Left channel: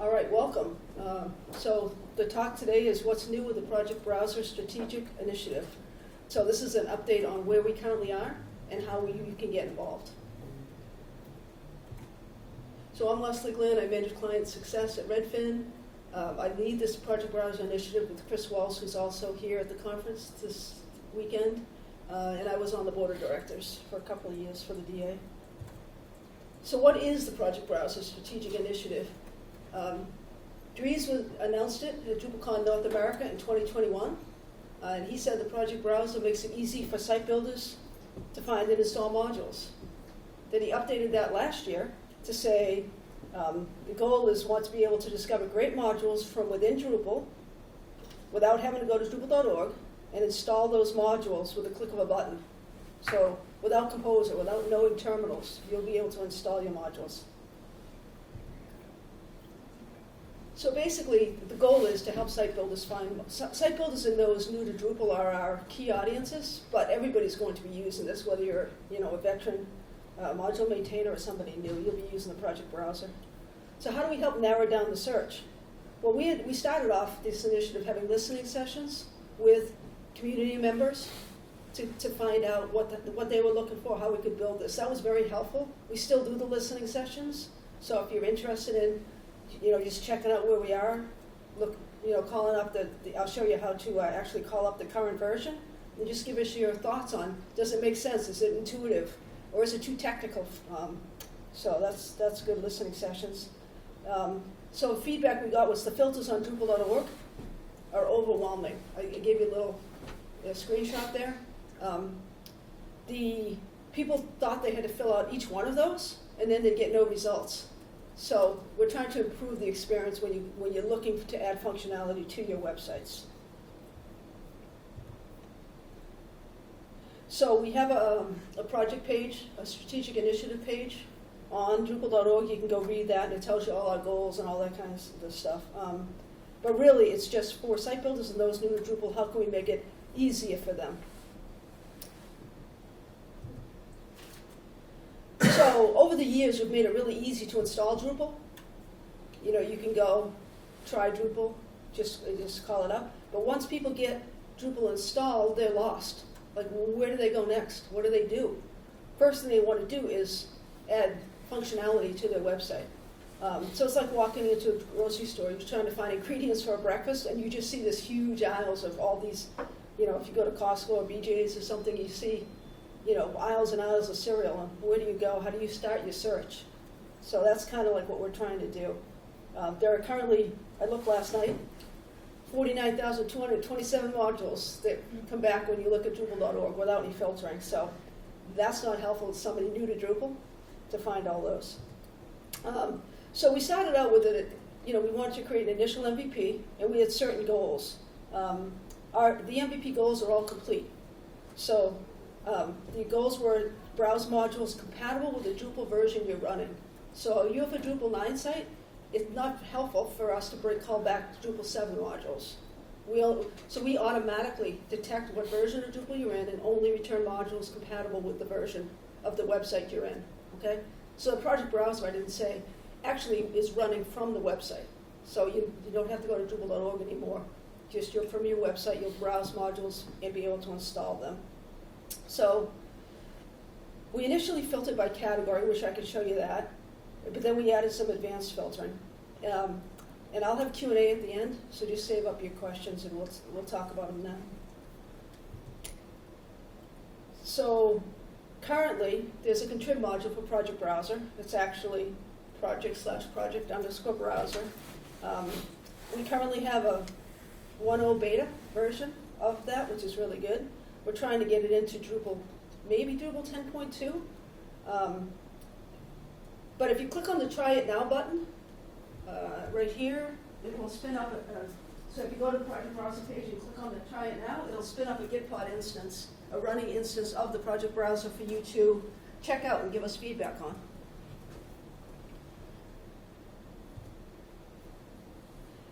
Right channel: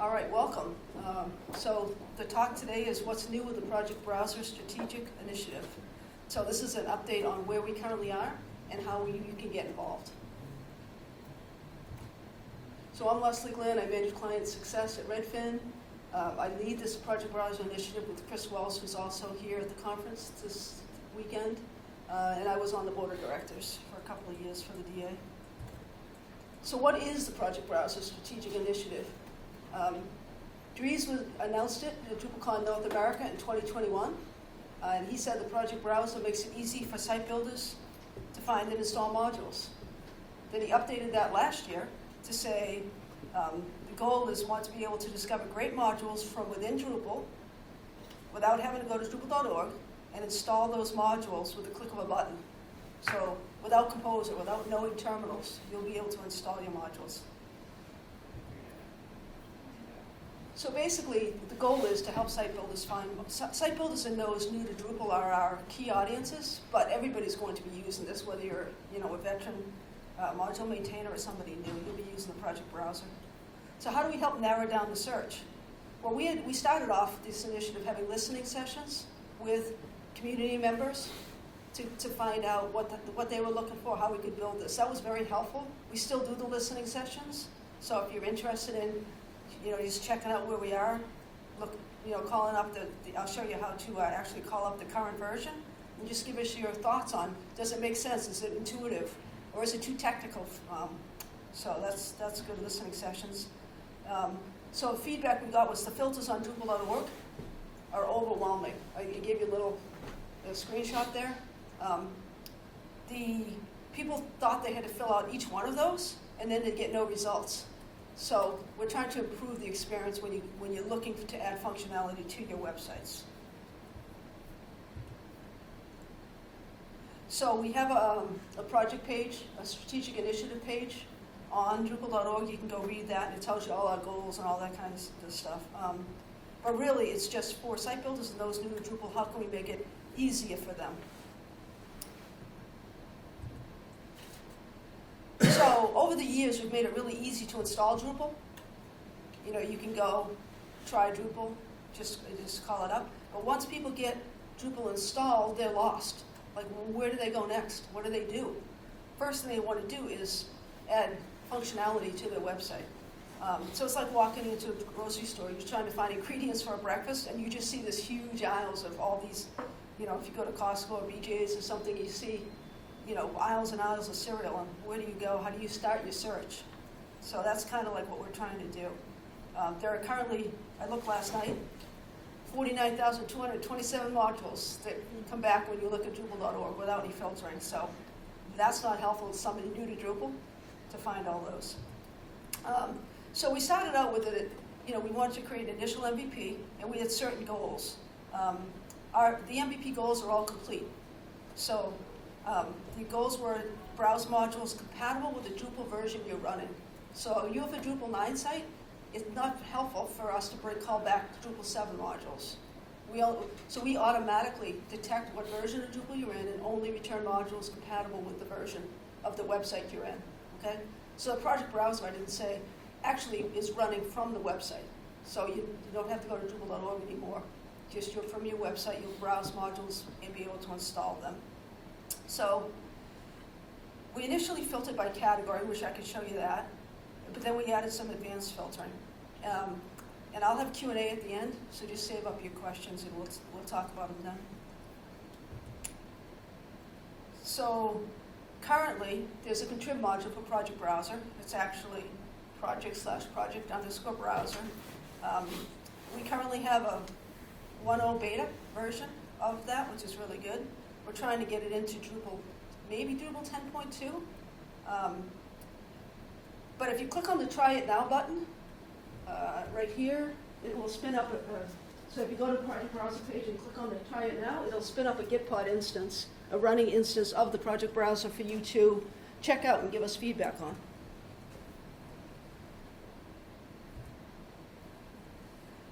All right, welcome. So the talk today is what's new with the Project Browser Strategic Initiative. So this is an update on where we currently are and how you can get involved. So I'm LeslieGlynn. I manage client success at Redfin. I lead this Project Browser Initiative with Chris Wells, who's also here at the conference this weekend. And I was on the board of directors for a couple of years for the DA. So what is the Project Browser Strategic Initiative? Dries announced it at DrupalCon North America in 2021. And he said the Project Browser makes it easy for site builders to find and install modules. Then he updated that last year to say the goal is to be able to discover great modules from within Drupal without having to go to Drupal.org and install those modules with a click of a button. So without Composer, without knowing terminals, you'll be able to install your modules. So basically, the goal is to help site builders find, site builders and those new to Drupal are our key audiences, but everybody's going to be using this, whether you're a veteran module maintainer or somebody new, you'll be using the Project Browser. So how do we help narrow down the search? Well, we started off this initiative having listening sessions with community members to find out what they were looking for, how we could build this. That was very helpful. We still do the listening sessions, so if you're interested in just checking out where we are, calling up I'll show you how to actually call up the current version, and just give us your thoughts on, does it make sense, is it intuitive, or is it too technical? So that's good listening sessions. So feedback we got was the filters on Drupal.org are overwhelming. I gave you a little screenshot there. The people thought they had to fill out each one of those, and then they'd get no results. So we're trying to improve the experience when you're looking to add functionality to your websites. So we have a project page, a strategic initiative page on Drupal.org. You can go read that, and it tells you all our goals and all that kind of stuff. But really, it's just for site builders and those new to Drupal, how can we make it easier for them? So over the years, we've made it really easy to install Drupal. You can go try Drupal, just call it up. But once people get Drupal installed, they're lost. Like, where do they go next? What do they do? First thing they want to do is add functionality to their website. So it's like walking into a grocery store. You're trying to find ingredients for a breakfast, and you just see this huge aisles of all these, if you go to Costco or BJ's or something, you see aisles and aisles of cereal, and where do you go? How do you start your search? So that's kind of like what we're trying to do. There are currently, I looked last night, 49,227 modules that come back when you look at Drupal.org without any filtering. So that's not helpful to somebody new to Drupal to find all those. So we started out with it, we wanted to create an initial MVP, and we had certain goals. The MVP goals are all complete. So the goals were browse modules compatible with the Drupal version you're running. So you have a Drupal 9 site, it's not helpful for us to call back Drupal 7 modules. So we automatically detect what version of Drupal you're in and only return modules compatible with the version of the website you're in. Okay? So the Project Browser, I didn't say, actually is running from the website. So you don't have to go to Drupal.org anymore. Just from your website, you'll browse modules and be able to install them. So we initially filtered by category, which I can show you that, but then we added some advanced filtering. And I'll have Q&A at the end, so just save up your questions and we'll talk about them then. So currently, there's a Contrib module for Project Browser. It's actually project/project_browser. We currently have a 1.0 beta version of that, which is really good. We're trying to get it into Drupal, maybe Drupal 10.2. But if you click on the Try It Now button, right here, it will spin up, so if you go to the Project Browser page and click on the Try It Now, it'll spin up a Gitpod instance, a running instance of the Project Browser for you to check out and give us feedback on.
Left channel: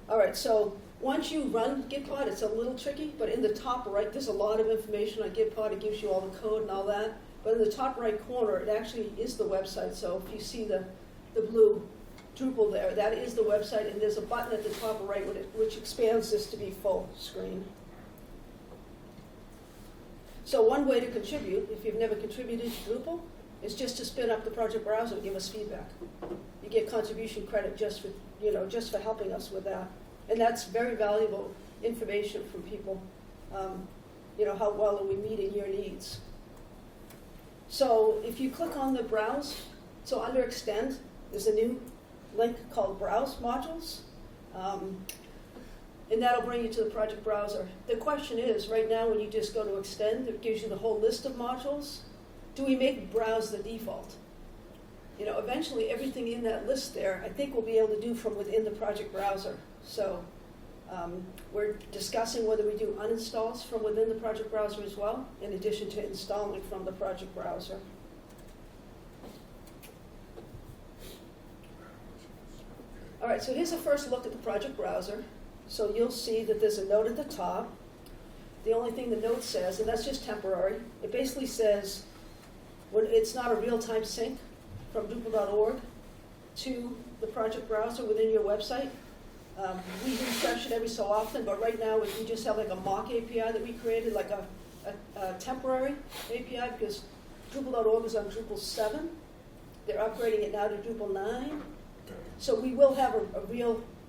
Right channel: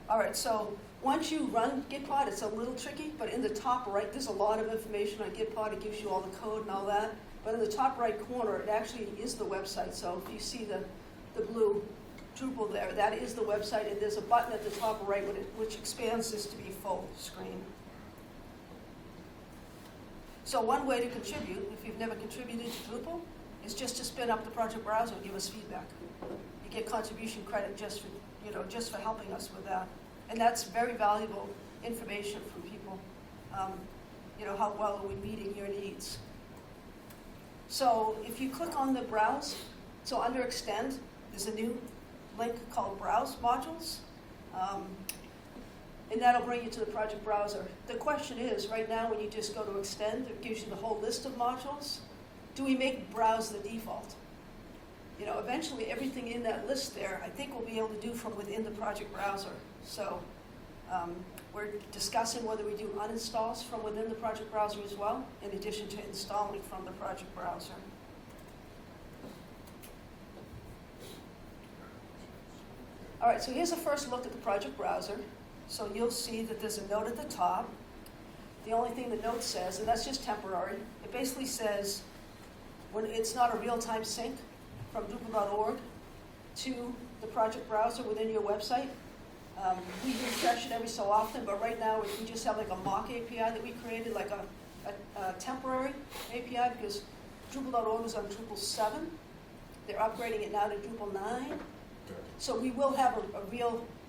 All right, so once you run Gitpod, it's a little tricky, but in the top right, there's a lot of information on Gitpod. It gives you all the code and all that. But in the top right corner, it actually is the website. So if you see the blue Drupal there. That is the website, and there's a button at the top right which expands this to be full screen. So one way to contribute, if you've never contributed to Drupal, is just to spin up the project browser and give us feedback. You get contribution credit just for helping us with that. And that's very valuable information from people. How well are we meeting your needs? So if you click on the browse, so under extend, there's a new link called browse modules. And that'll bring you to the project browser. The question is, right now when you just go to extend, it gives you the whole list of modules. Do we make browse the default? Eventually everything in that list there, I think we'll be able to do from within the project browser. So we're discussing whether we do uninstalls from within the project browser as well, in addition to installing from the project browser. All right, so here's a first look at the project browser. So you'll see that there's a note at the top. The only thing the note says, and that's just temporary, it basically says when it's not a real-time sync from Drupal.org to the project browser within your website. We refresh it every so often, but right now we just have like a mock API that we created, like a temporary API, because Drupal.org is on Drupal 7. They're upgrading it now to Drupal 9. So we will have a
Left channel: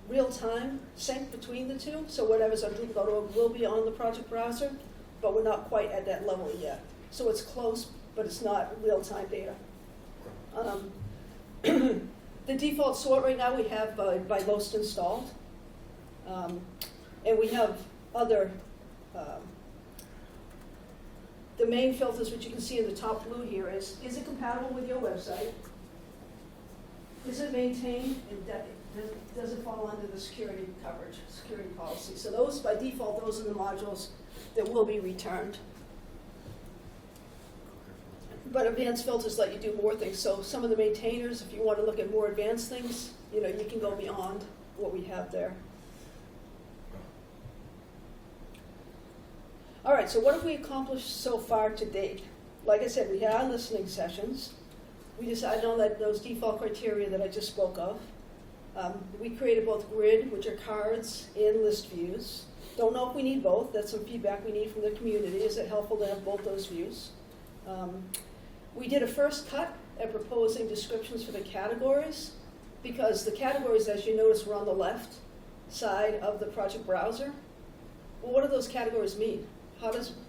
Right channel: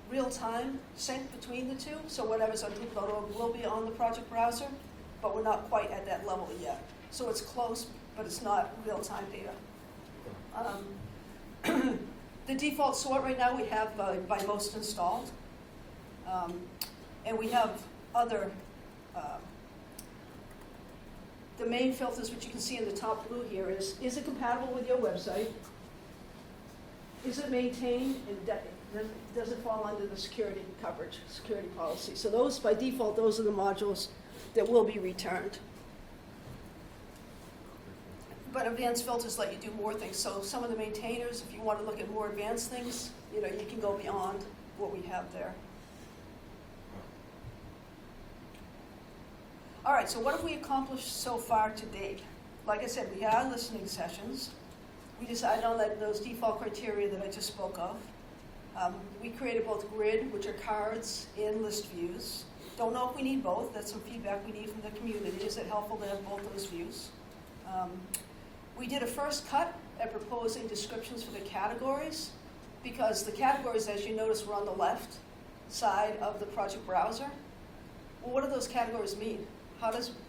real-time sync between the two. So whatever's on Drupal.org will be on the project browser, but we're not quite at that level yet. So it's close, but it's not real-time data. The default sort right now we have by most installed. And we have other, the main filters, which you can see in the top blue here, is it compatible with your website? Is it maintained? Does it fall under the security coverage, security policy? So those, by default, those are the modules that will be returned. But advanced filters let you do more things. So some of the maintainers, if you want to look at more advanced things, you can go beyond what we have there. All right, so what have we accomplished so far to date? Like I said, we had our listening sessions. We decided on those default criteria that I just spoke of. We created both grid, which are cards, and list views. Don't know if we need both. That's some feedback we need from the community. Is it helpful to have both those views? We did a first cut at proposing descriptions for the categories, because the categories, as you notice, were on the left side of the project browser. Well, what do those categories mean?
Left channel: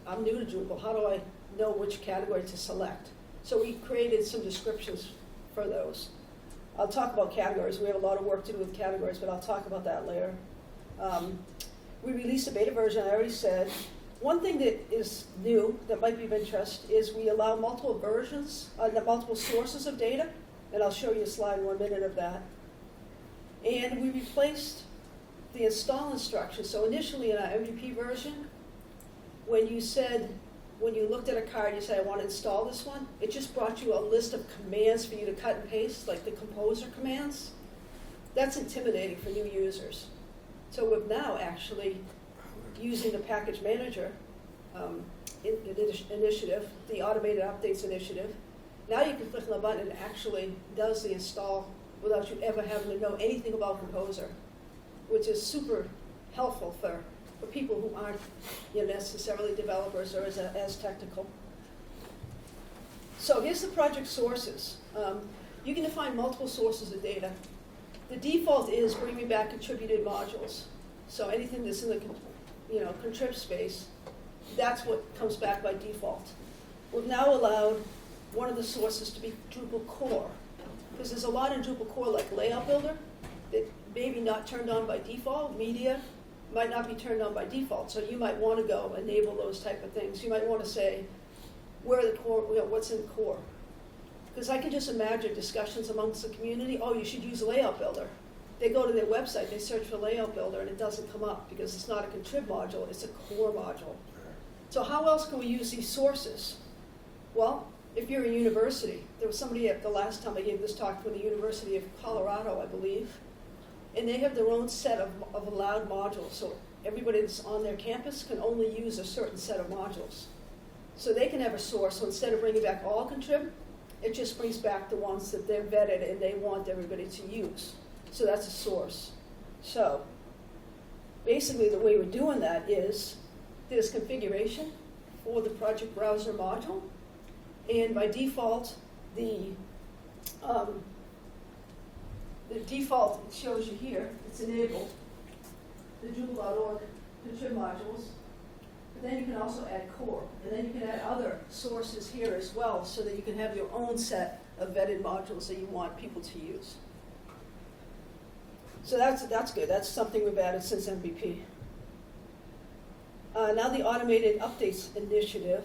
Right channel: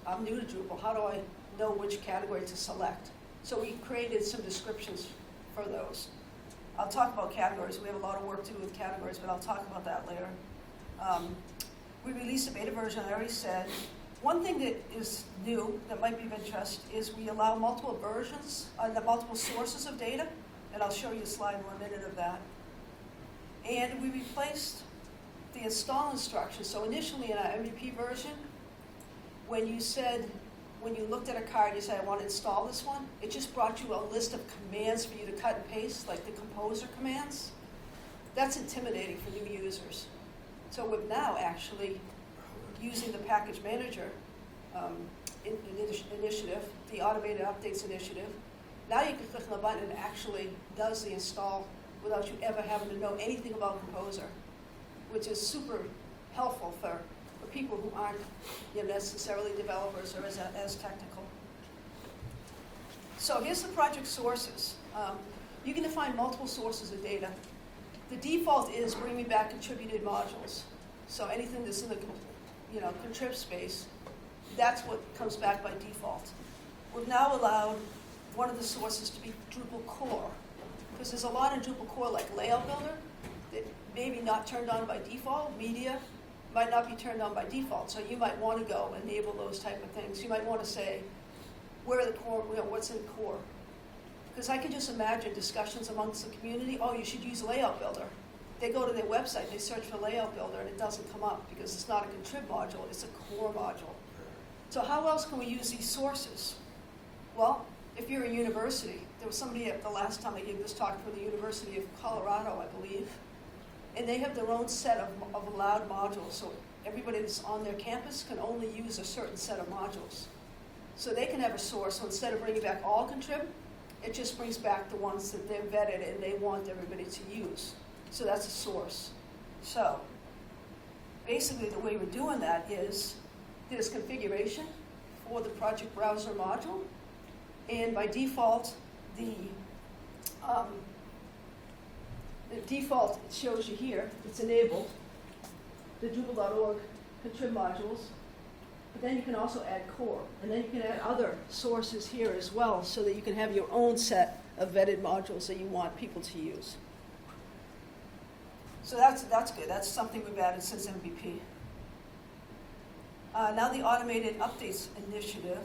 I'm new to Drupal, how do I know which category to select? So we created some descriptions for those. I'll talk about categories. We have a lot of work to do with categories, but I'll talk about that later. We released a beta version, I already said. One thing that is new that might be of interest is we allow multiple versions, multiple sources of data, and I'll show you a slide in 1 minute of that. And we replaced the install instructions. So initially in our MVP version, when you looked at a card, you said, I want to install this one, it just brought you a list of commands for you to cut and paste, like the composer commands. That's intimidating for new users. So we've now actually, using the package manager initiative, the automated updates initiative, now you can click on the button and it actually does the install without you ever having to know anything about Composer, which is super helpful for people who aren't necessarily developers or as technical. So here's the project sources. You can define multiple sources of data. The default is bringing back contributed modules. So anything that's in the Contrib space, that's what comes back by default. We've now allowed one of the sources to be Drupal core, because there's a lot in Drupal core like Layout Builder that maybe not turned on by default. Media might not be turned on by default, so you might want to go enable those type of things. You might want to say, where are the core, what's in core? Because I can just imagine discussions amongst the community, oh, you should use Layout Builder. They go to their website, they search for Layout Builder, and it doesn't come up because it's not a Contrib module, it's a core module. So how else can we use these sources? Well, if you're a university, there was somebody at the last time I gave this talk from the University of Colorado, I believe, and they have their own set of allowed modules. So everybody that's on their campus can only use a certain set of modules. So they can have a source, so instead of bringing back all Contrib, it just brings back the ones that they're vetted and they want everybody to use. So that's a source. So basically the way we're doing that is there's configuration for the project browser module, and by default, the default shows you here, it's enabled, the Drupal.org Contrib modules, but then you can also add core, and then you can add other sources here as well, so that you can have your own set of vetted modules that you want people to use. So that's good. That's something we've added since MVP. Now the automated updates initiative.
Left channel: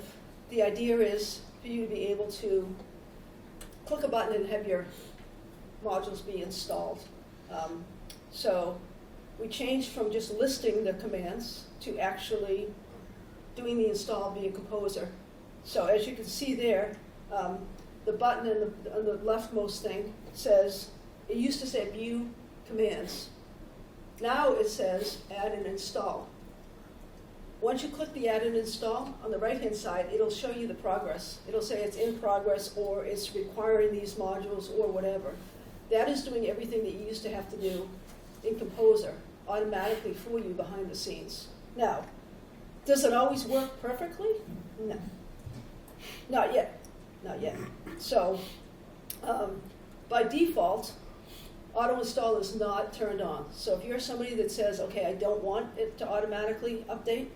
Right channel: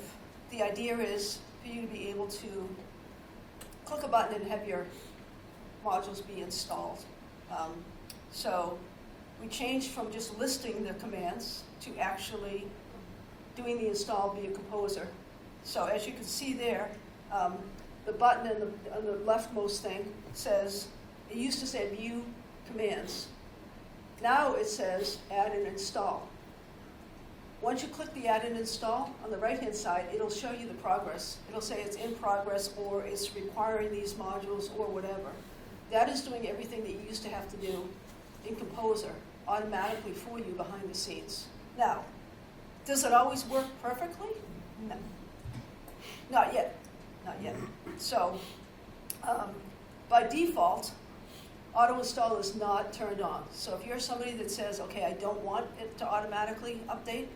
The idea is for you to be able to click a button and have your modules be installed. So we changed from just listing the commands to actually doing the install via Composer. So as you can see there, the button on the leftmost thing says, it used to say view commands. Now it says add and install. Once you click the add and install, on the right-hand side, it'll show you the progress. It'll say it's in progress, or it's requiring these modules, or whatever. That is doing everything that you used to have to do in Composer automatically for you behind the scenes. Now, does it always work perfectly? No. Not yet. Not yet. So, by default, auto install is not turned on. So if you're somebody that says, okay, I don't want it to automatically update,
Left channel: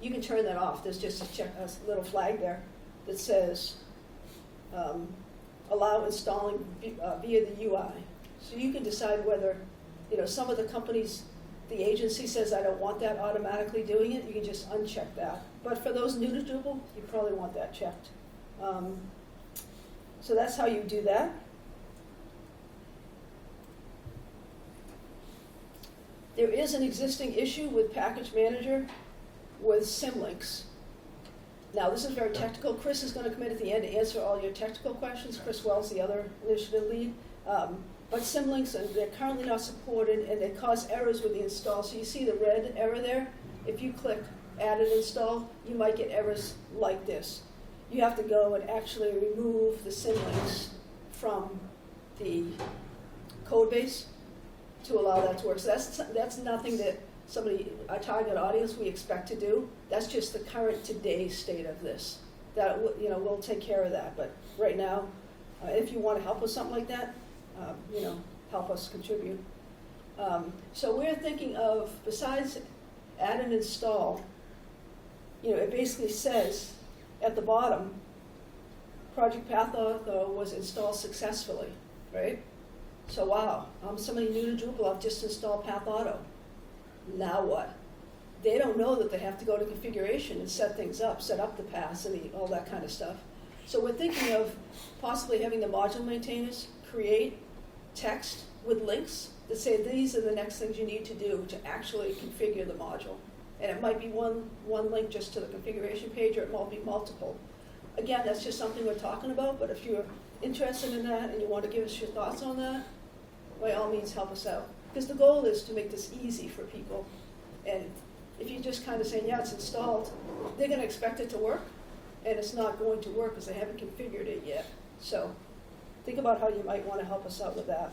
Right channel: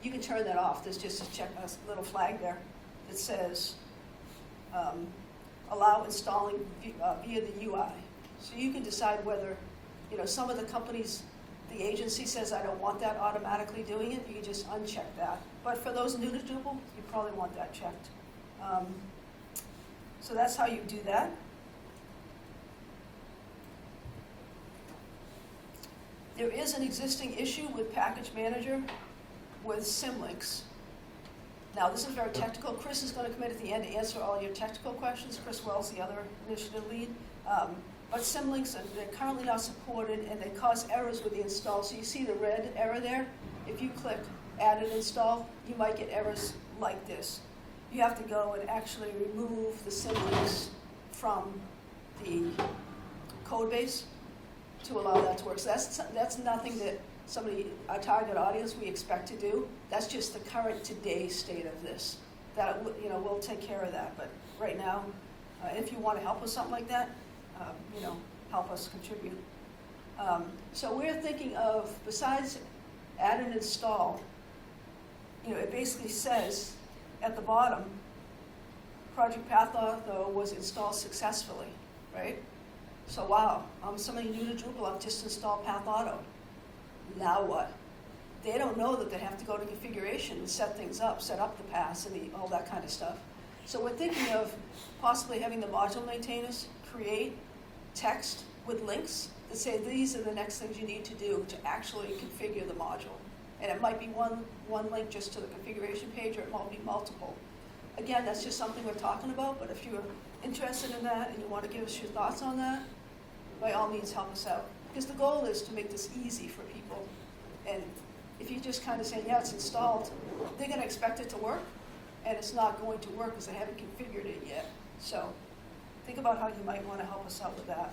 you can turn that off. There's just a little flag there that says allow installing via the UI. So you can decide whether, some of the companies, the agency says I don't want that automatically doing it, you can just uncheck that. But for those new to Drupal, you probably want that checked. So that's how you do that. There is an existing issue with Package Manager with Symlinks. Now, this is very technical. Chris is going to come in at the end to answer all your technical questions. Chris Wells, the other initiative lead. But Symlinks, they're currently not supported, and they cause errors with the install. So you see the red error there? If you click add and install, you might get errors like this. You have to go and actually remove the Symlinks from the code base to allow that to work. So that's nothing that our target audience, we expect to do. That's just the current today state of this. That we'll take care of that. But right now, if you want to help with something like that, help us contribute. So we're thinking of, besides add and install, it basically says at the bottom, Project Path Auto was installed successfully, right? So wow, I'm somebody new to Drupal, I've just installed Path Auto. Now what? They don't know that they have to go to configuration and set things up, set up the paths and all that kind of stuff. So we're thinking of possibly having the module maintainers create text with links that say these are the next things you need to do to actually configure the module. And it might be one link just to the configuration page, or it might be multiple. Again, that's just something we're talking about, but if you're interested in that and you want to give us your thoughts on that, by all means help us out. Because the goal is to make this easy for people. And if you just kind of say, yeah, it's installed, they're going to expect it to work, and it's not going to work because they haven't configured it yet. So think about how you might want to help us out with that.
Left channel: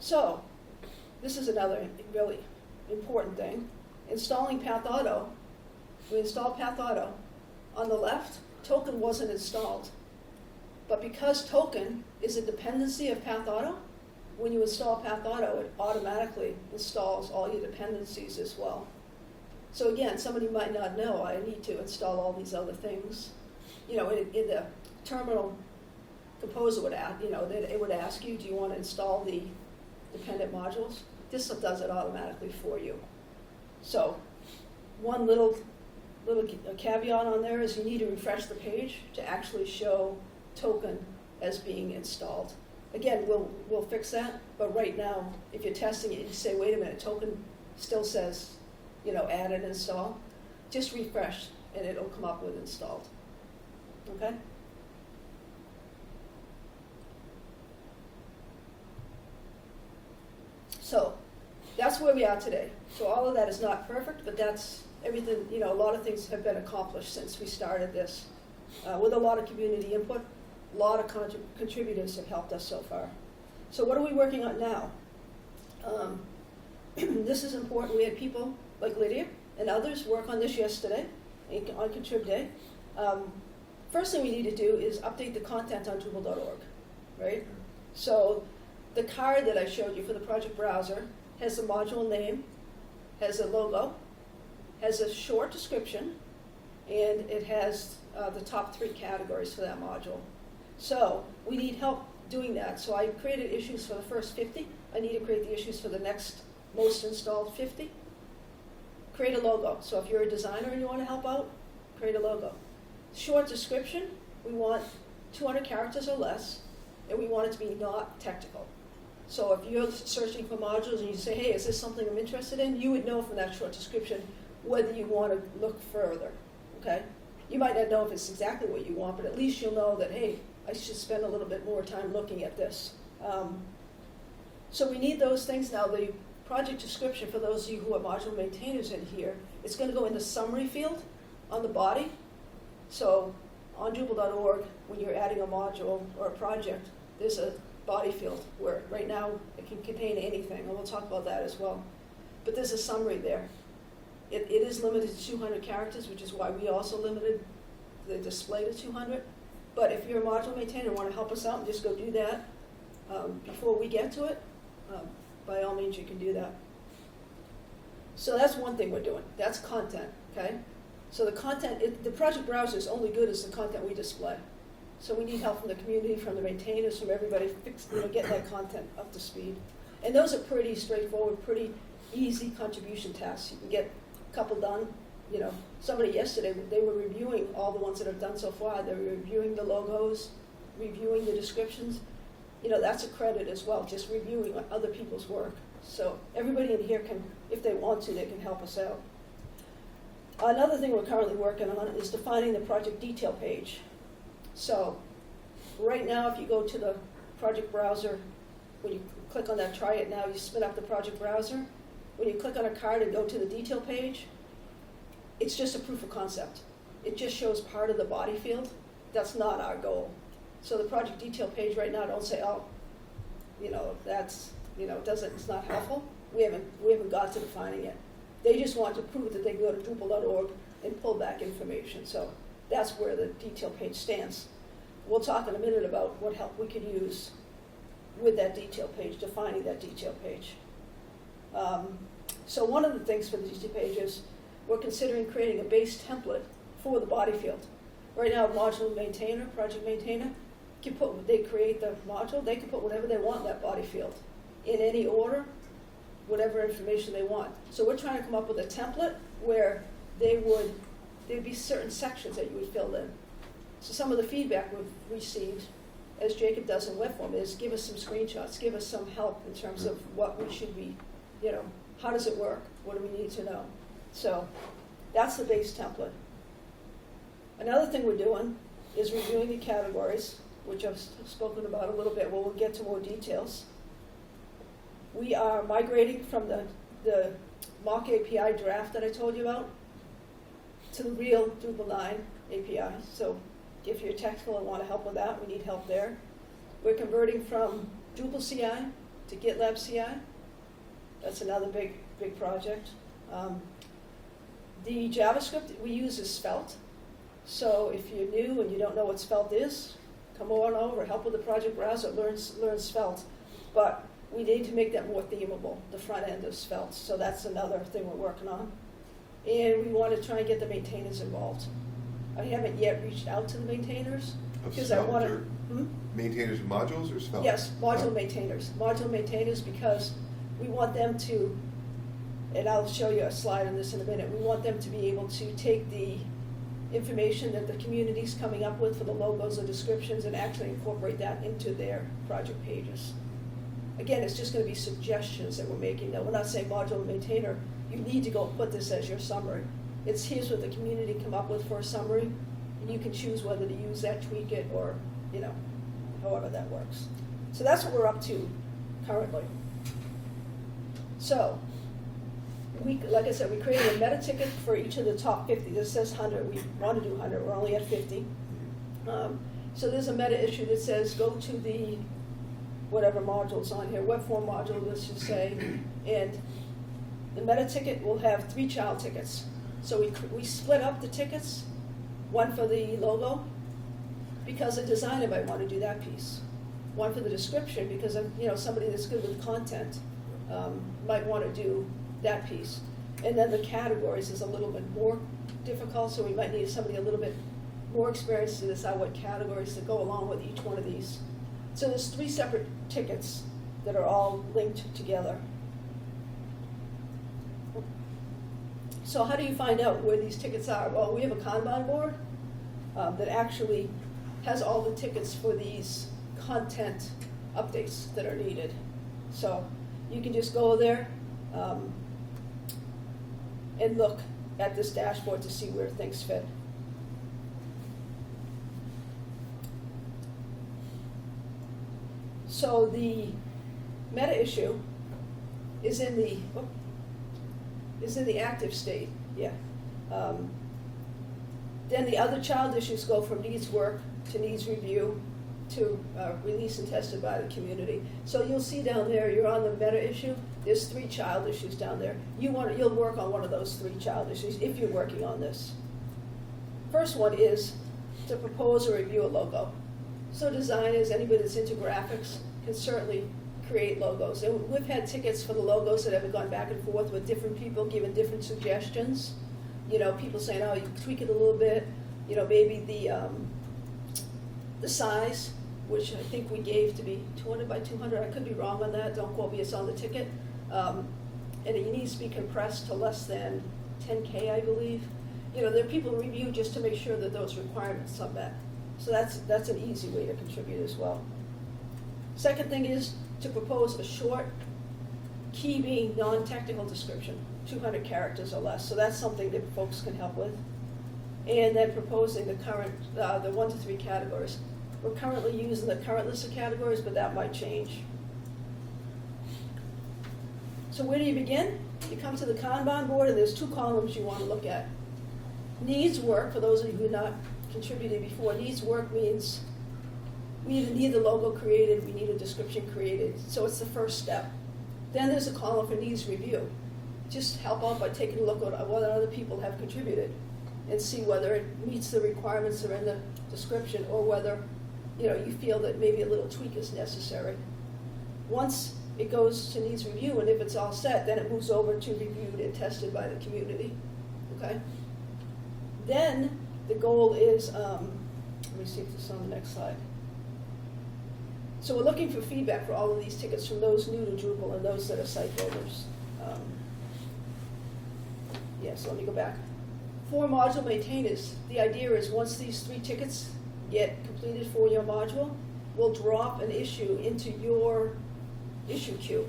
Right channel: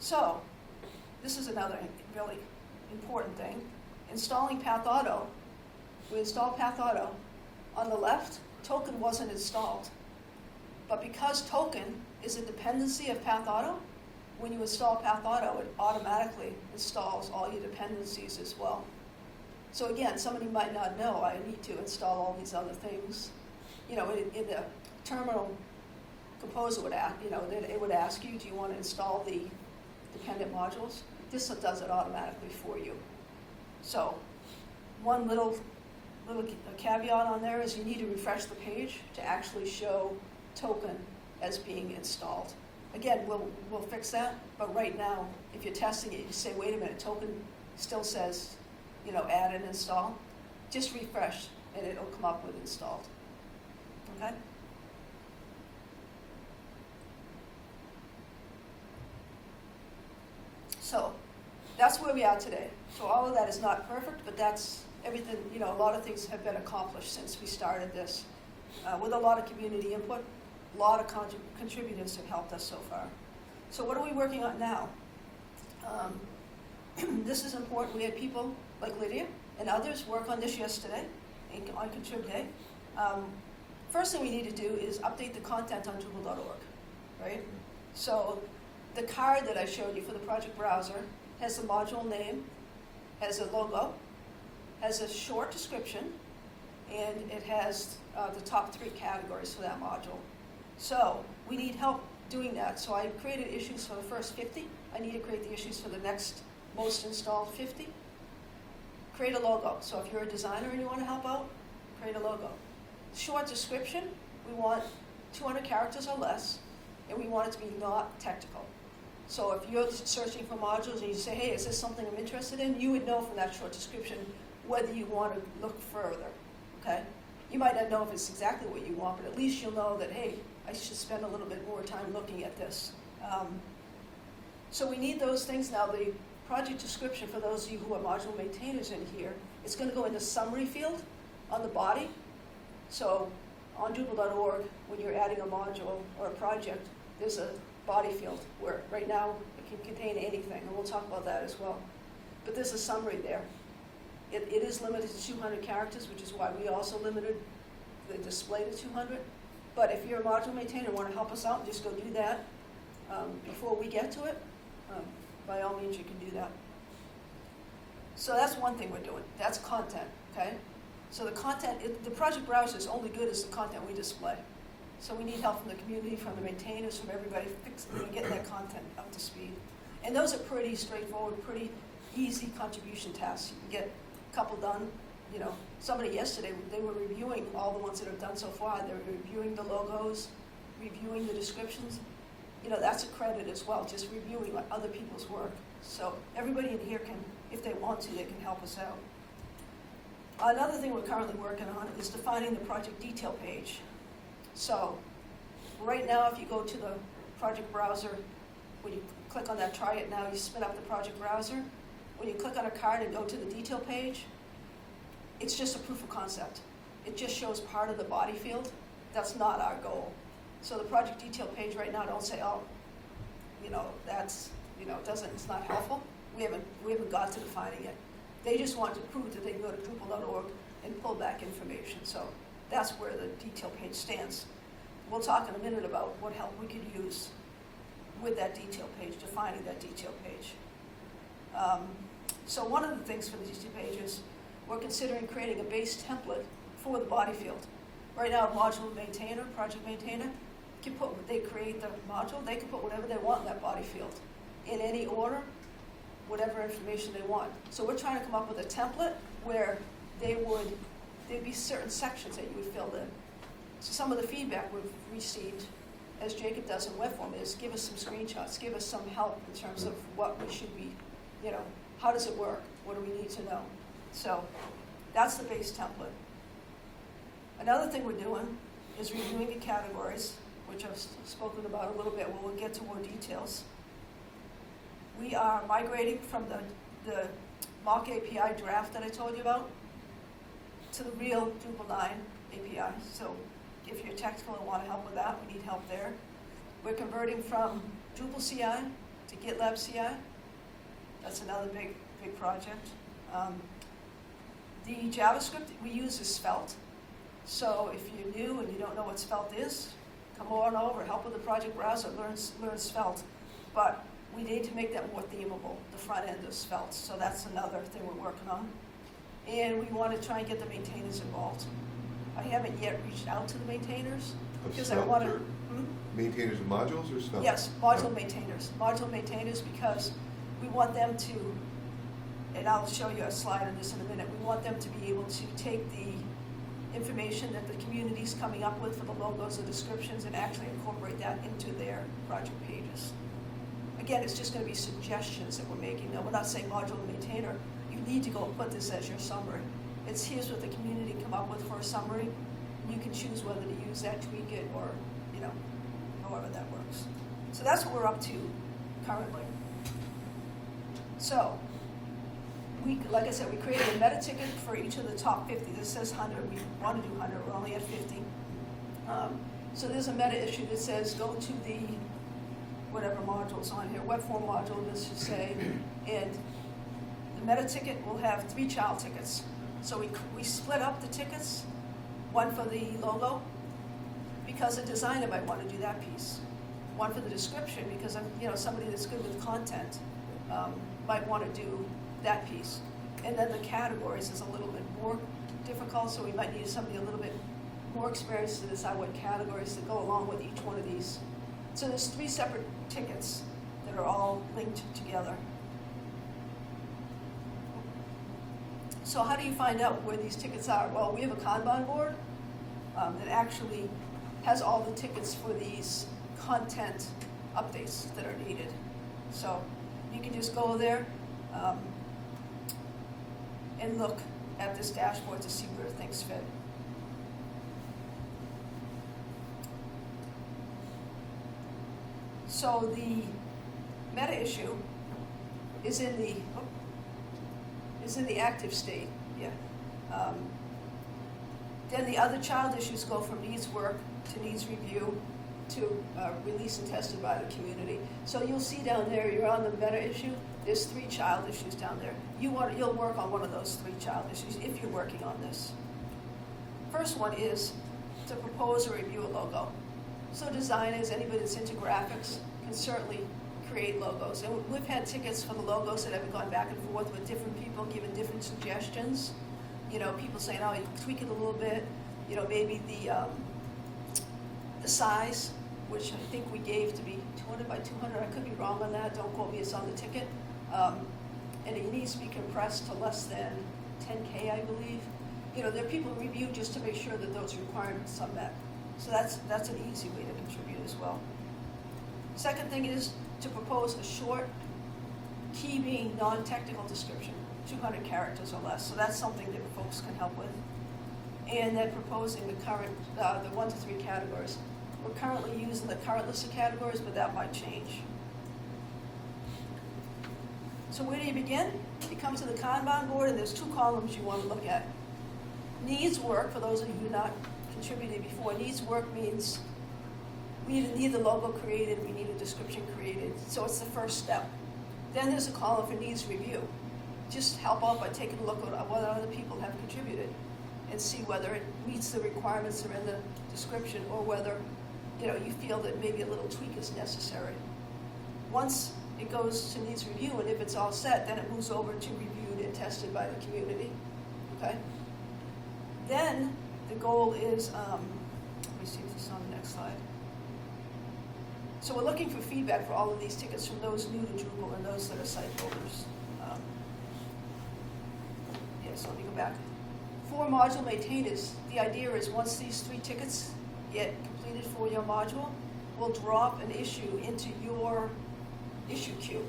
So this is another really important thing. Installing Path Auto. We installed Path Auto. On the left, Token wasn't installed. But because Token is a dependency of Path Auto, when you install Path Auto, it automatically installs all your dependencies as well. So again, somebody might not know, I need to install all these other things. In the terminal, Composer would ask, it would ask you, do you want to install the dependent modules? This does it automatically for you. So one little caveat on there is you need to refresh the page to actually show Token as being installed. Again, we'll fix that, but right now, if you're testing it, you say, wait a minute, Token still says, add and install. Just refresh, and it'll come up with installed. Okay? So that's where we are today. So all of that is not perfect, but that's everything, a lot of things have been accomplished since we started this with a lot of community input. A lot of contributors have helped us so far. So what are we working on now? This is important. We had people like Lydia and others work on this yesterday on Contrib Day. First thing we need to do is update the content on Drupal.org, right? So the card that I showed you for the project browser has the module name, has a logo, has a short description, and it has the top 3 categories for that module. So we need help doing that. So I created issues for the first 50. I need to create the issues for the next most installed 50. Create a logo. So if you're a designer and you want to help out, create a logo. Short description, we want 200 characters or less, and we want it to be not technical. So if you're searching for modules and you say, hey, is this something I'm interested in? You would know from that short description whether you want to look further, okay? You might not know if it's exactly what you want, but at least you'll know that, hey, I should spend a little bit more time looking at this. So we need those things now. The project description, for those of you who are module maintainers in here, it's going to go in the summary field on the body. So on Drupal.org, when you're adding a module or a project, there's a body field where right now it can contain anything, and we'll talk about that as well. But there's a summary there. It is limited to 200 characters, which is why we also limited the display to 200. But if you're a module maintainer and want to help us out and just go do that before we get to it, by all means you can do that. So that's one thing we're doing. That's content, okay? So the content, the project browser is only good as the content we display. So we need help from the community, from the maintainers, from everybody, getting that content up to speed. And those are pretty straightforward, pretty easy contribution tasks. You can get a couple done. You know, somebody yesterday, they were reviewing all the ones that have done so far. They were reviewing the logos, reviewing the descriptions. You know, that's a credit as well, just reviewing other people's work. So everybody in here can, if they want to, they can help us out. Another thing we're currently working on is defining the project detail page. So right now, if you go to the project browser, when you click on that try it now, you spin up the project browser. When you click on a card and go to the detail page, it's just a proof of concept. It just shows part of the body field. That's not our goal. So the project detail page right now, don't say, oh, you know, that's, you know, it's not helpful. We haven't got to defining it. They just want to prove that they can go to Drupal.org and pull back information. So that's where the detail page stands. We'll talk in a minute about what help we could use with that detail page, defining that detail page. So one of the things for the detail page is we're considering creating a base template for the body field. Right now, module maintainer, project maintainer, they create the module, they can put whatever they want in that body field, in any order, whatever information they want. So we're trying to come up with a template where there'd be certain sections that you would fill in. So some of the feedback we've received, as Jacob does in web form, is give us some screenshots, give us some help in terms of what we should be, you know, how does it work? What do we need to know? So that's the base template. Another thing we're doing is reviewing the categories, which I've spoken about a little bit. We'll get to more details. We are migrating from the mock API draft that I told you about to the real Drupal 9 API. So if you're technical and want to help with that, we need help there. We're converting from Drupal CI to GitLab CI. That's another big project. The JavaScript we use is Svelte. So if you're new and you don't know what Svelte is, come on over, help with the project browser, learn Svelte. But we need to make that more themable, the front end of Svelte. So that's another thing we're working on. And we want to try and get the maintainers involved. I haven't yet reached out to the maintainers because I want to. Maintainers of modules or Svelte? Yes, module maintainers. Module maintainers, because we want them to, and I'll show you a slide on this in a minute, we want them to be able to take the information that the community's coming up with for the logos and descriptions and actually incorporate that into their project pages. Again, it's just going to be suggestions that we're making. No, we're not saying module maintainer, you need to go put this as your summary. It's here's what the community come up with for a summary, and you can choose whether to use that, tweak it, or, you know, however that works. So that's what we're up to currently. So, like I said, we created a meta ticket for each of the top 50. This says 100. We want to do 100. We're only at 50. So there's a meta issue that says go to the whatever module's on here, web form module, let's just say, and the meta ticket will have 3 child tickets. So we split up the tickets, one for the logo, because a designer might want to do that piece. One for the description, because of, somebody that's good with content might want to do that piece. And then the categories is a little bit more difficult, so we might need somebody a little bit more experienced to decide what categories to go along with each one of these. So there's 3 separate tickets that are all linked together. So how do you find out where these tickets are? Well, we have a Kanban board that actually has all the tickets for these content updates that are needed. So you can just go there and look at this dashboard to see where things fit. So the meta issue is in the active state, yeah. Then the other child issues go from needs work to needs review to release and tested by the community. So you'll see down there, you're on the meta issue, there's 3 child issues down there. You'll work on one of those 3 child issues if you're working on this. First one is to propose or review a logo. So designers, anybody that's into graphics, can certainly create logos. And we've had tickets for the logos that have gone back and forth with different people giving different suggestions. People saying, oh, you can tweak it a little bit. Maybe the size, which I think we gave to be 200 by 200. I could be wrong on that. Don't quote me, it's on the ticket. And it needs to be compressed to less than 10K, I believe. There are people who review just to make sure that those requirements are met. So that's an easy way to contribute as well. Second thing is to propose a short, key being non-technical description, 200 characters or less. So that's something that folks can help with. And then proposing the current, the 1 to 3 categories. We're currently using the current list of categories, but that might change. So where do you begin? You come to the Kanban board, and there's 2 columns you want to look at. Needs work, for those of you who have not contributed before, needs work means we need the logo created, we need a description created, so it's the first step. Then there's a column for needs review. Just help out by taking a look at what other people have contributed and see whether it meets the requirements that are in the description or whether you feel that maybe a little tweak is necessary. Once it goes to needs review, and if it's all set, then it moves over to reviewed and tested by the community. Okay? Then the goal is, let me see if this is on the next slide. So we're looking for feedback for all of these tickets from those new to Drupal and those that are site builders. So let me go back. For module maintainers, the idea is once these 3 tickets get completed for your module, we'll drop an issue into your issue queue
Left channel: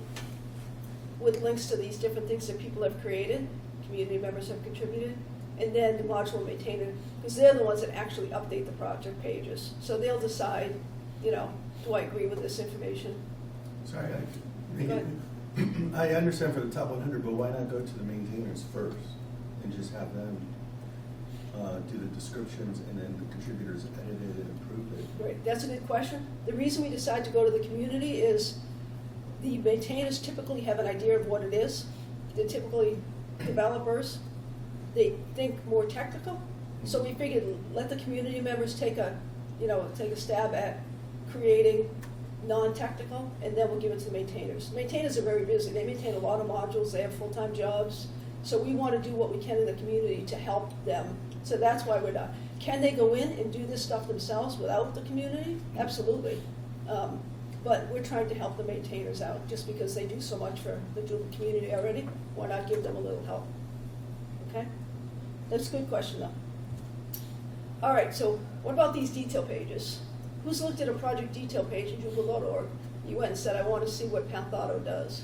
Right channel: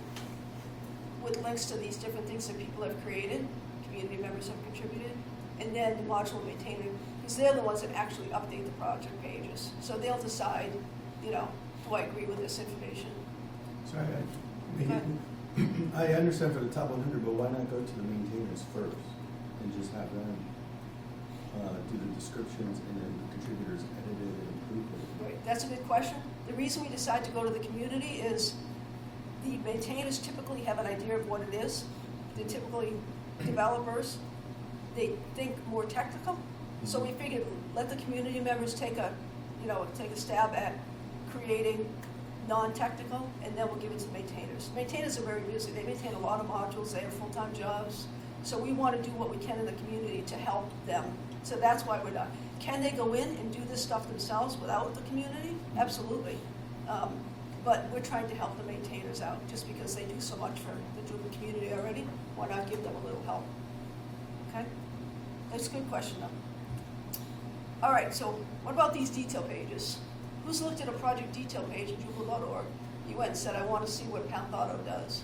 with links to these different things that people have created, community members have contributed, and then the module maintainer, because they're the ones that actually update the project pages. So they'll decide, do I agree with this information? Sorry, I understand for the top 100, but why not go to the maintainers first and just have them do the descriptions and then the contributors edit it and improve it? Great, that's a good question. The reason we decide to go to the community is the maintainers typically have an idea of what it is. They're typically developers. They think more technical. So we figured let the community members take a stab at creating non-technical, and then we'll give it to the maintainers. Maintainers are very busy. They maintain a lot of modules. They have full-time jobs. So we want to do what we can in the community to help them. So that's why we're not. Can they go in and do this stuff themselves without the community? Absolutely. But we're trying to help the maintainers out just because they do so much for the Drupal community already. Why not give them a little help? Okay? That's a good question, though. All right, so what about these detail pages? Who's looked at a project detail page at Drupal.org? You went and said, I want to see what Pathauto does.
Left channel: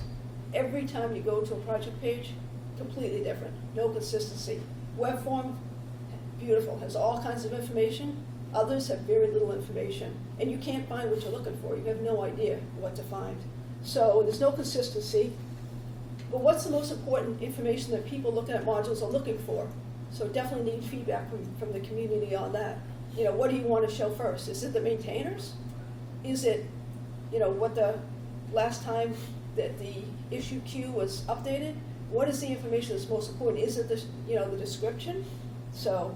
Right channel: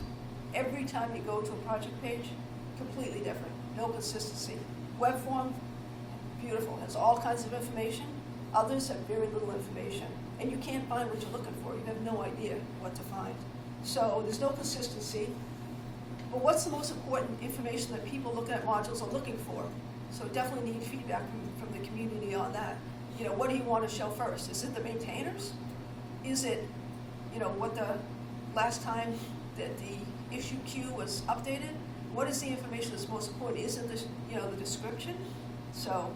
Every time you go to a project page, completely different, no consistency. Web form, beautiful, has all kinds of information. Others have very little information. And you can't find what you're looking for. You have no idea what to find. So there's no consistency. But what's the most important information that people looking at modules are looking for? So definitely need feedback from the community on that. what do you want to show first? Is it the maintainers? Is it, what the last time that the issue queue was updated? What is the information that's most important? Is it the description? So,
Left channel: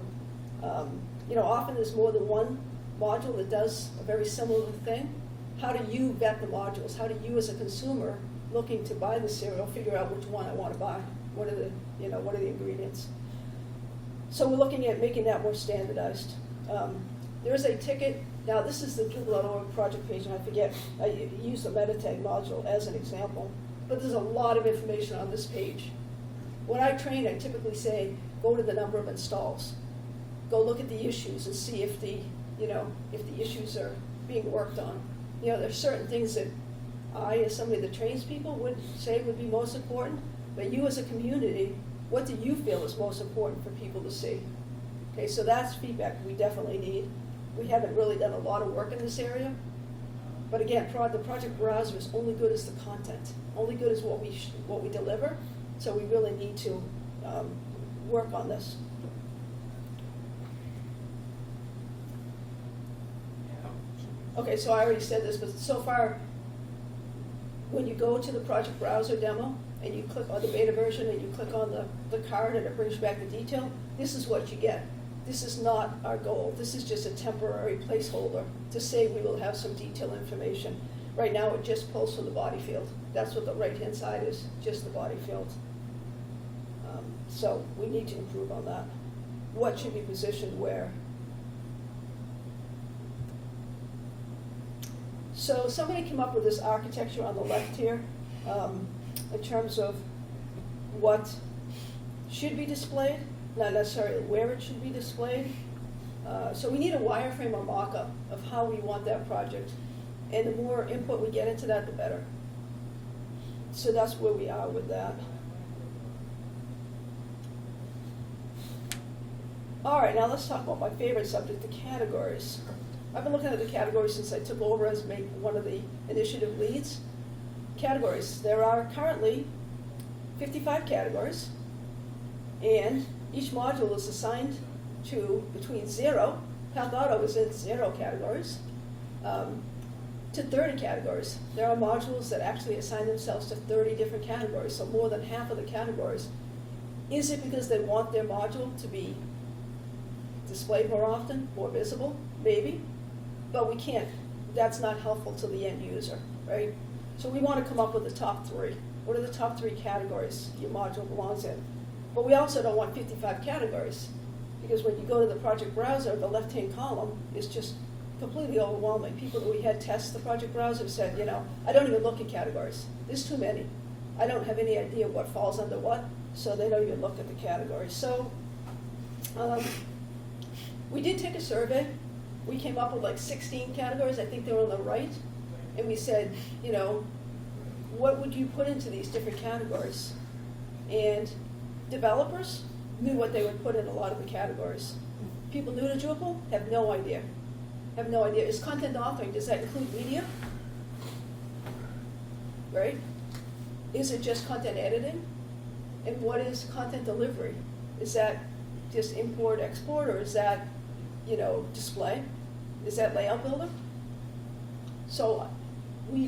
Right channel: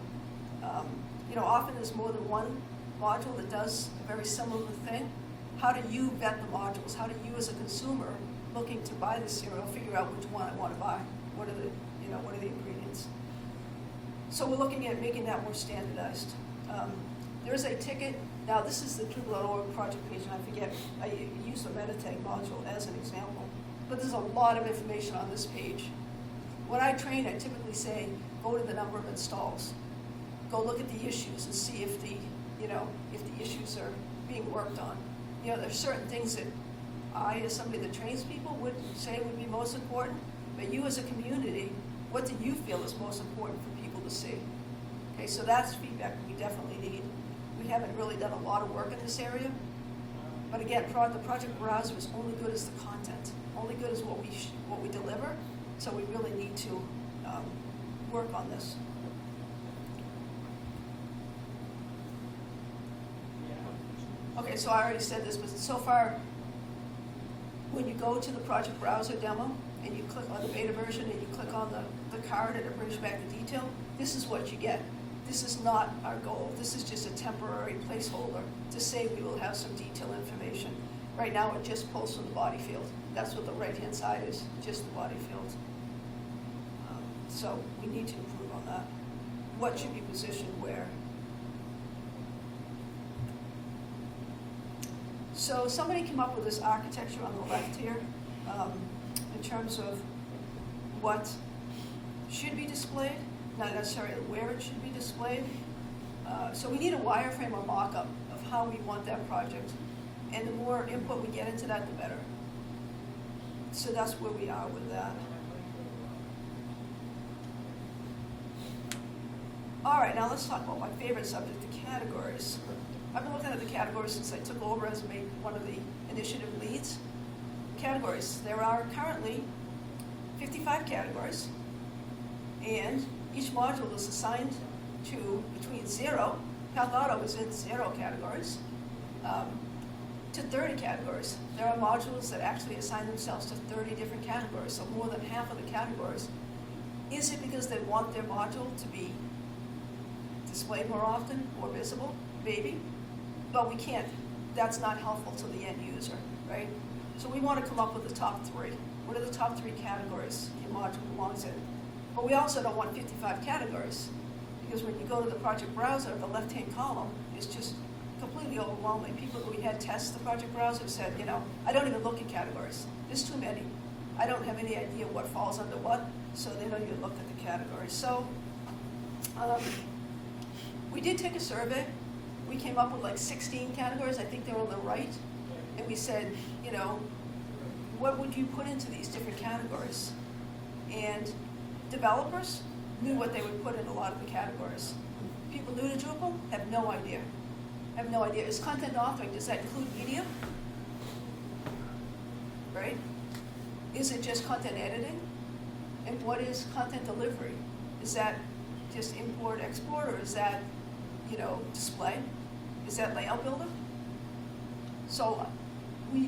often there's more than one module that does a very similar thing. How do you vet the modules? How do you, as a consumer looking to buy the cereal, figure out which one I want to buy? What are the ingredients? So we're looking at making that more standardized. There is a ticket. Now, this is the Drupal.org project page, and I forget, I used the Meditate module as an example, but there's a lot of information on this page. When I train, I typically say, go to the number of installs. Go look at the issues and see if the issues are being worked on. There's certain things that I, as somebody that trains people, would say would be most important, but you as a community, what do you feel is most important for people to see? Okay, so that's feedback we definitely need. We haven't really done a lot of work in this area, but again, the project browser is only good as the content, only good as what we deliver, so we really need to work on this. Okay, so I already said this, but so far, when you go to the project browser demo and you click on the beta version and you click on the card and it brings you back the detail, this is what you get. This is not our goal. This is just a temporary placeholder to say we will have some detailed information. Right now, it just pulls from the body field. That's what the right-hand side is, just the body field. So we need to improve on that. What should be positioned where? So somebody came up with this architecture on the left here in terms of what should be displayed, not necessarily where it should be displayed. So we need a wireframe or mock-up of how we want that project. And the more input we get into that, the better. So that's where we are with that. All right, now let's talk about my favorite subject, the categories. I've been looking at the categories since I took over as one of the initiative leads. Categories. There are currently 55 categories, and each module is assigned to between 0, Health Auto is in 0 categories, to 30 categories. There are modules that actually assign themselves to 30 different categories, so more than half of the categories. Is it because they want their module to be displayed more often, more visible? Maybe. But we can't, that's not helpful to the end user, right? So we want to come up with the top 3. What are the top 3 categories your module belongs in? But we also don't want 55 categories, because when you go to the project browser, the left-hand column is just completely overwhelming. People that we had test the project browser said, I don't even look at categories. There's too many. I don't have any idea what falls under what, so they don't even look at the categories. So we did take a survey. We came up with like 16 categories. I think they were on the right. And we said, what would you put into these different categories? And developers knew what they would put in a lot of the categories. People new to Drupal have no idea. Have no idea. Is content authoring, does that include media? Right? Is it just content editing? And what is content delivery? Is that just import, export, or is that, display? Is that layout builder? So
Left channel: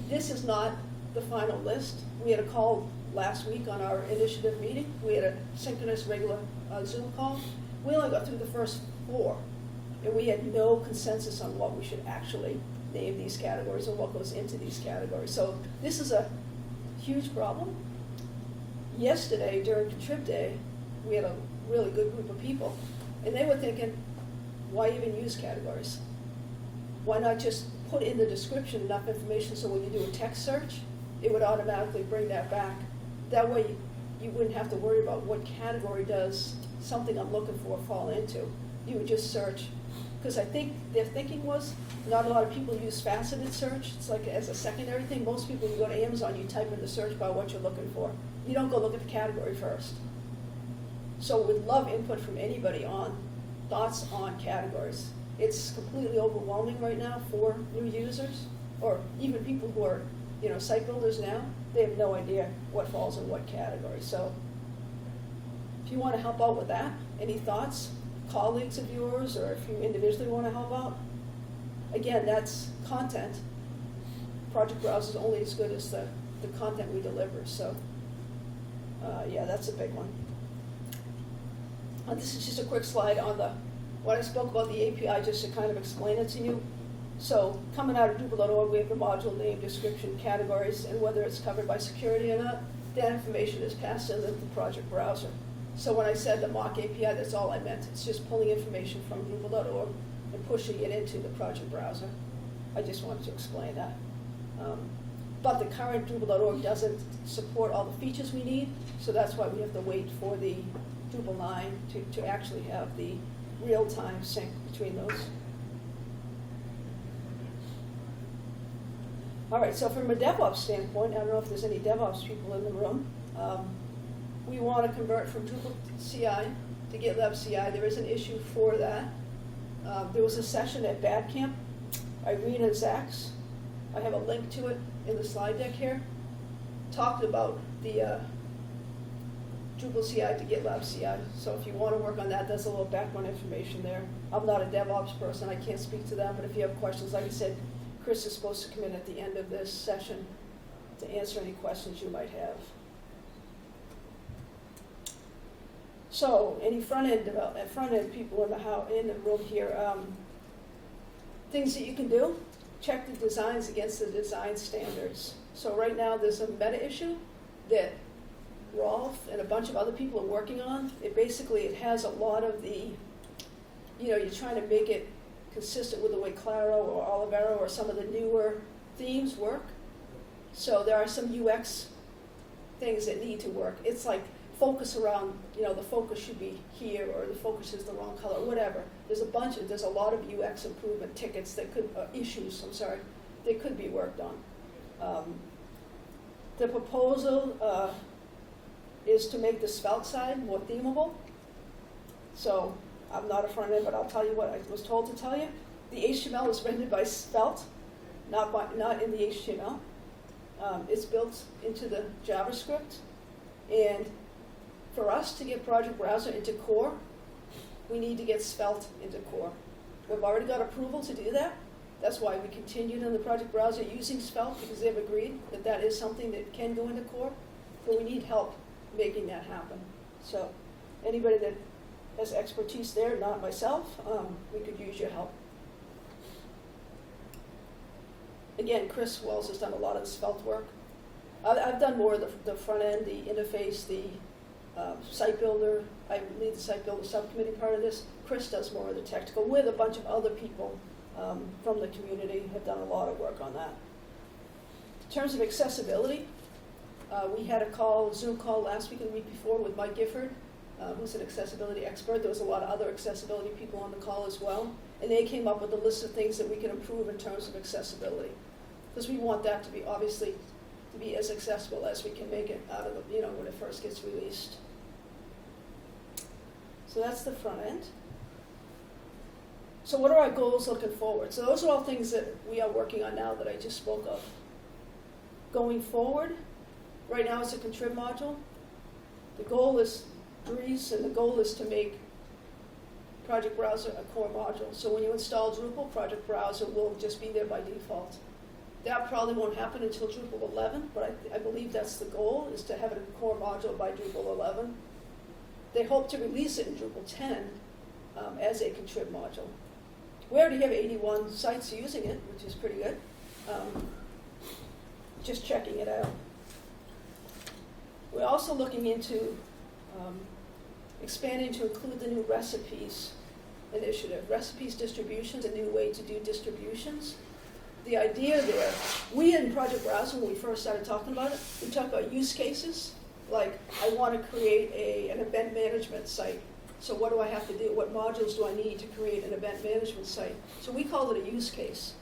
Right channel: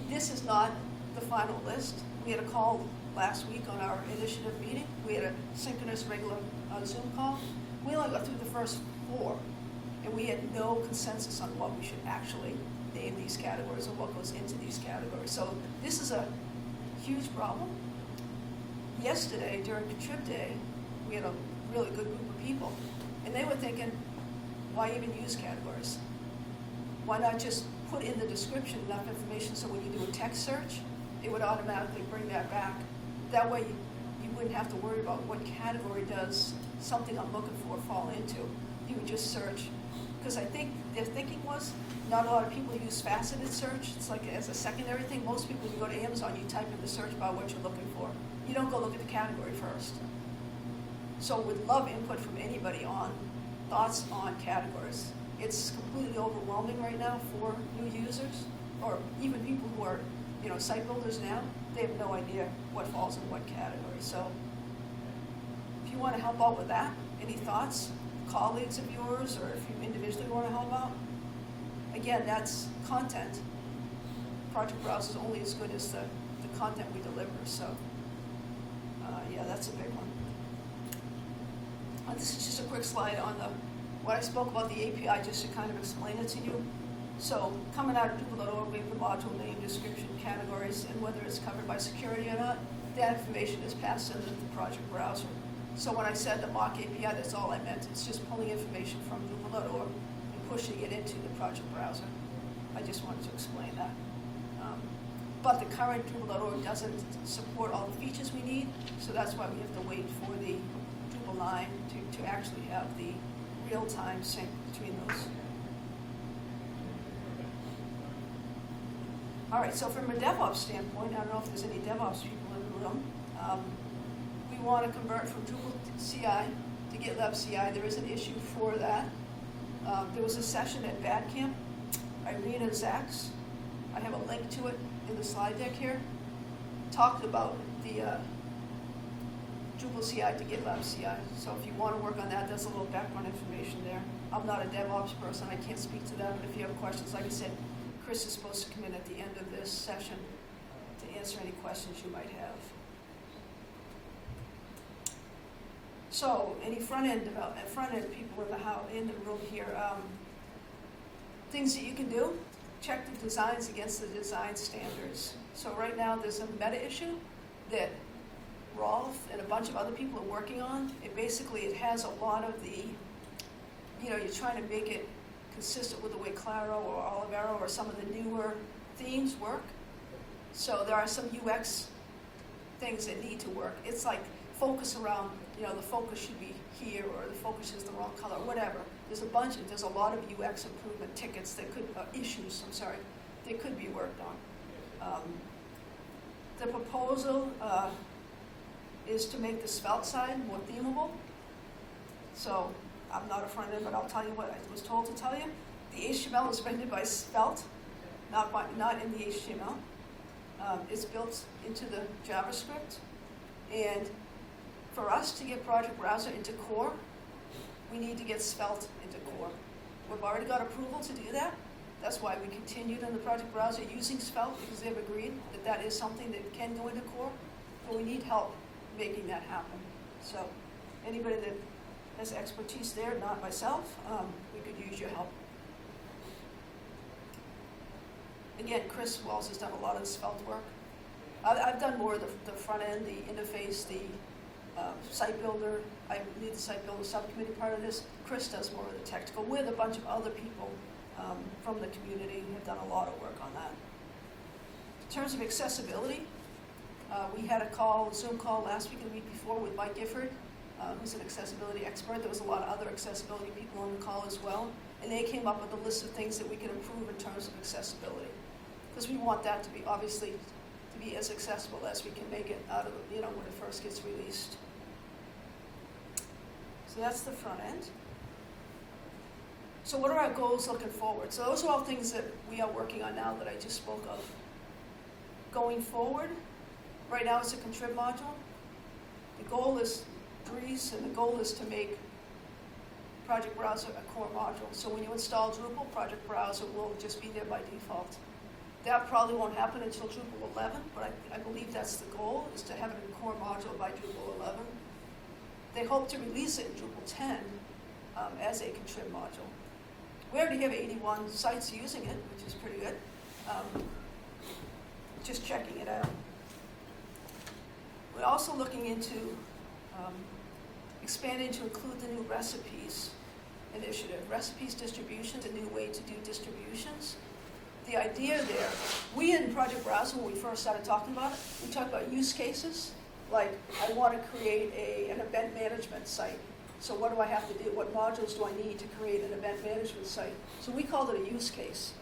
this is not the final list. We had a call last week on our initiative meeting. We had a synchronous regular Zoom call. We only got through the first 4, and we had no consensus on what we should actually name these categories or what goes into these categories. So this is a huge problem. Yesterday, during Contrib Day, we had a really good group of people, and they were thinking, why even use categories? Why not just put in the description enough information so when you do a text search, it would automatically bring that back. That way you wouldn't have to worry about what category does something I'm looking for fall into. You would just search. Because I think their thinking was not a lot of people use faceted search. It's like as a secondary thing. Most people, you go to Amazon, you type in the search bar what you're looking for. You don't go look at the category first. So we'd love input from anybody on thoughts on categories. It's completely overwhelming right now for new users, or even people who are, site builders now. They have no idea what falls in what category. So if you want to help out with that, any thoughts, colleagues of yours, or if you individually want to help out. Again, that's content. Project Browser is only as good as the content we deliver, so, yeah, that's a big one. This is just a quick slide on when I spoke about the API, just to kind of explain it to you. So, coming out of Drupal.org, we have the module name, description, categories, and whether it's covered by security or not. That information is passed into the project browser. So when I said the mock API, that's all I meant. It's just pulling information from Drupal.org and pushing it into the project browser. I just wanted to explain that. But the current Drupal.org doesn't support all the features we need, so that's why we have to wait for the Drupal 9 to actually have the real-time sync between those. All right, so from a DevOps standpoint, I don't know if there's any DevOps people in the room. We want to convert from Drupal CI to GitLab CI. There is an issue for that. There was a session at Bad Camp. Irene and Zach's, I have a link to it in the slide deck here, talked about the Drupal CI to GitLab CI. So if you want to work on that, that's a little background information there. I'm not a DevOps person, I can't speak to that, but if you have questions, like I said, Chris is supposed to come in at the end of this session to answer any questions you might have. So, any front-end people in the room here, things that you can do, check the designs against the design standards. So right now there's a meta issue that Rolf and a bunch of other people are working on. It has a lot of the, you're trying to make it consistent with the way Claro or Olivero or some of the newer themes work. So there are some UX things that need to work. It's like focus around, the focus should be here, or the focus is the wrong color, whatever. There's a lot of UX improvement tickets that that could be worked on. The proposal is to make the Svelte side more themable. So I'm not a front end, but I'll tell you what I was told to tell you. The HTML is rendered by Svelte, not in the HTML. It's built into the JavaScript, and for us to get Project Browser into core, we need to get Svelte into core. We've already got approval to do that. That's why we continued in the Project Browser using Svelte, because they've agreed that that is something that can go into core, but we need help making that happen. So anybody that has expertise there, not myself, we could use your help. Again, Chris Wells has done a lot of the Svelte work. I've done more of the front end, the interface, the site builder. I lead the site builder subcommittee part of this. Chris does more of the technical, with a bunch of other people from the community have done a lot of work on that. In terms of accessibility, we had a Zoom call last week and the week before with Mike Gifford, who's an accessibility expert. There was a lot of other accessibility people on the call as well, and they came up with a list of things that we can improve in terms of accessibility, because we want that to be obviously to be as accessible as we can make it out of when it first gets released. So that's the front end. So what are our goals looking forward? So those are all things that we are working on now that I just spoke of. Going forward, right now it's a Contrib module. The goal is Dries, and the goal is to make Project Browser a core module. So when you install Drupal, Project Browser will just be there by default. That probably won't happen until Drupal 11, but I believe that's the goal, is to have it a core module by Drupal 11. They hope to release it in Drupal 10 as a Contrib module. We already have 81 sites using it, which is pretty good. Just checking it out. We're also looking into expanding to include the new recipes initiative. Recipes distributions, a new way to do distributions. The idea there, we in Project Browser, when we first started talking about it, we talked about use cases, like I want to create an event management site. So what do I have to do? What modules do I need to create an event management site? So we called it a use case.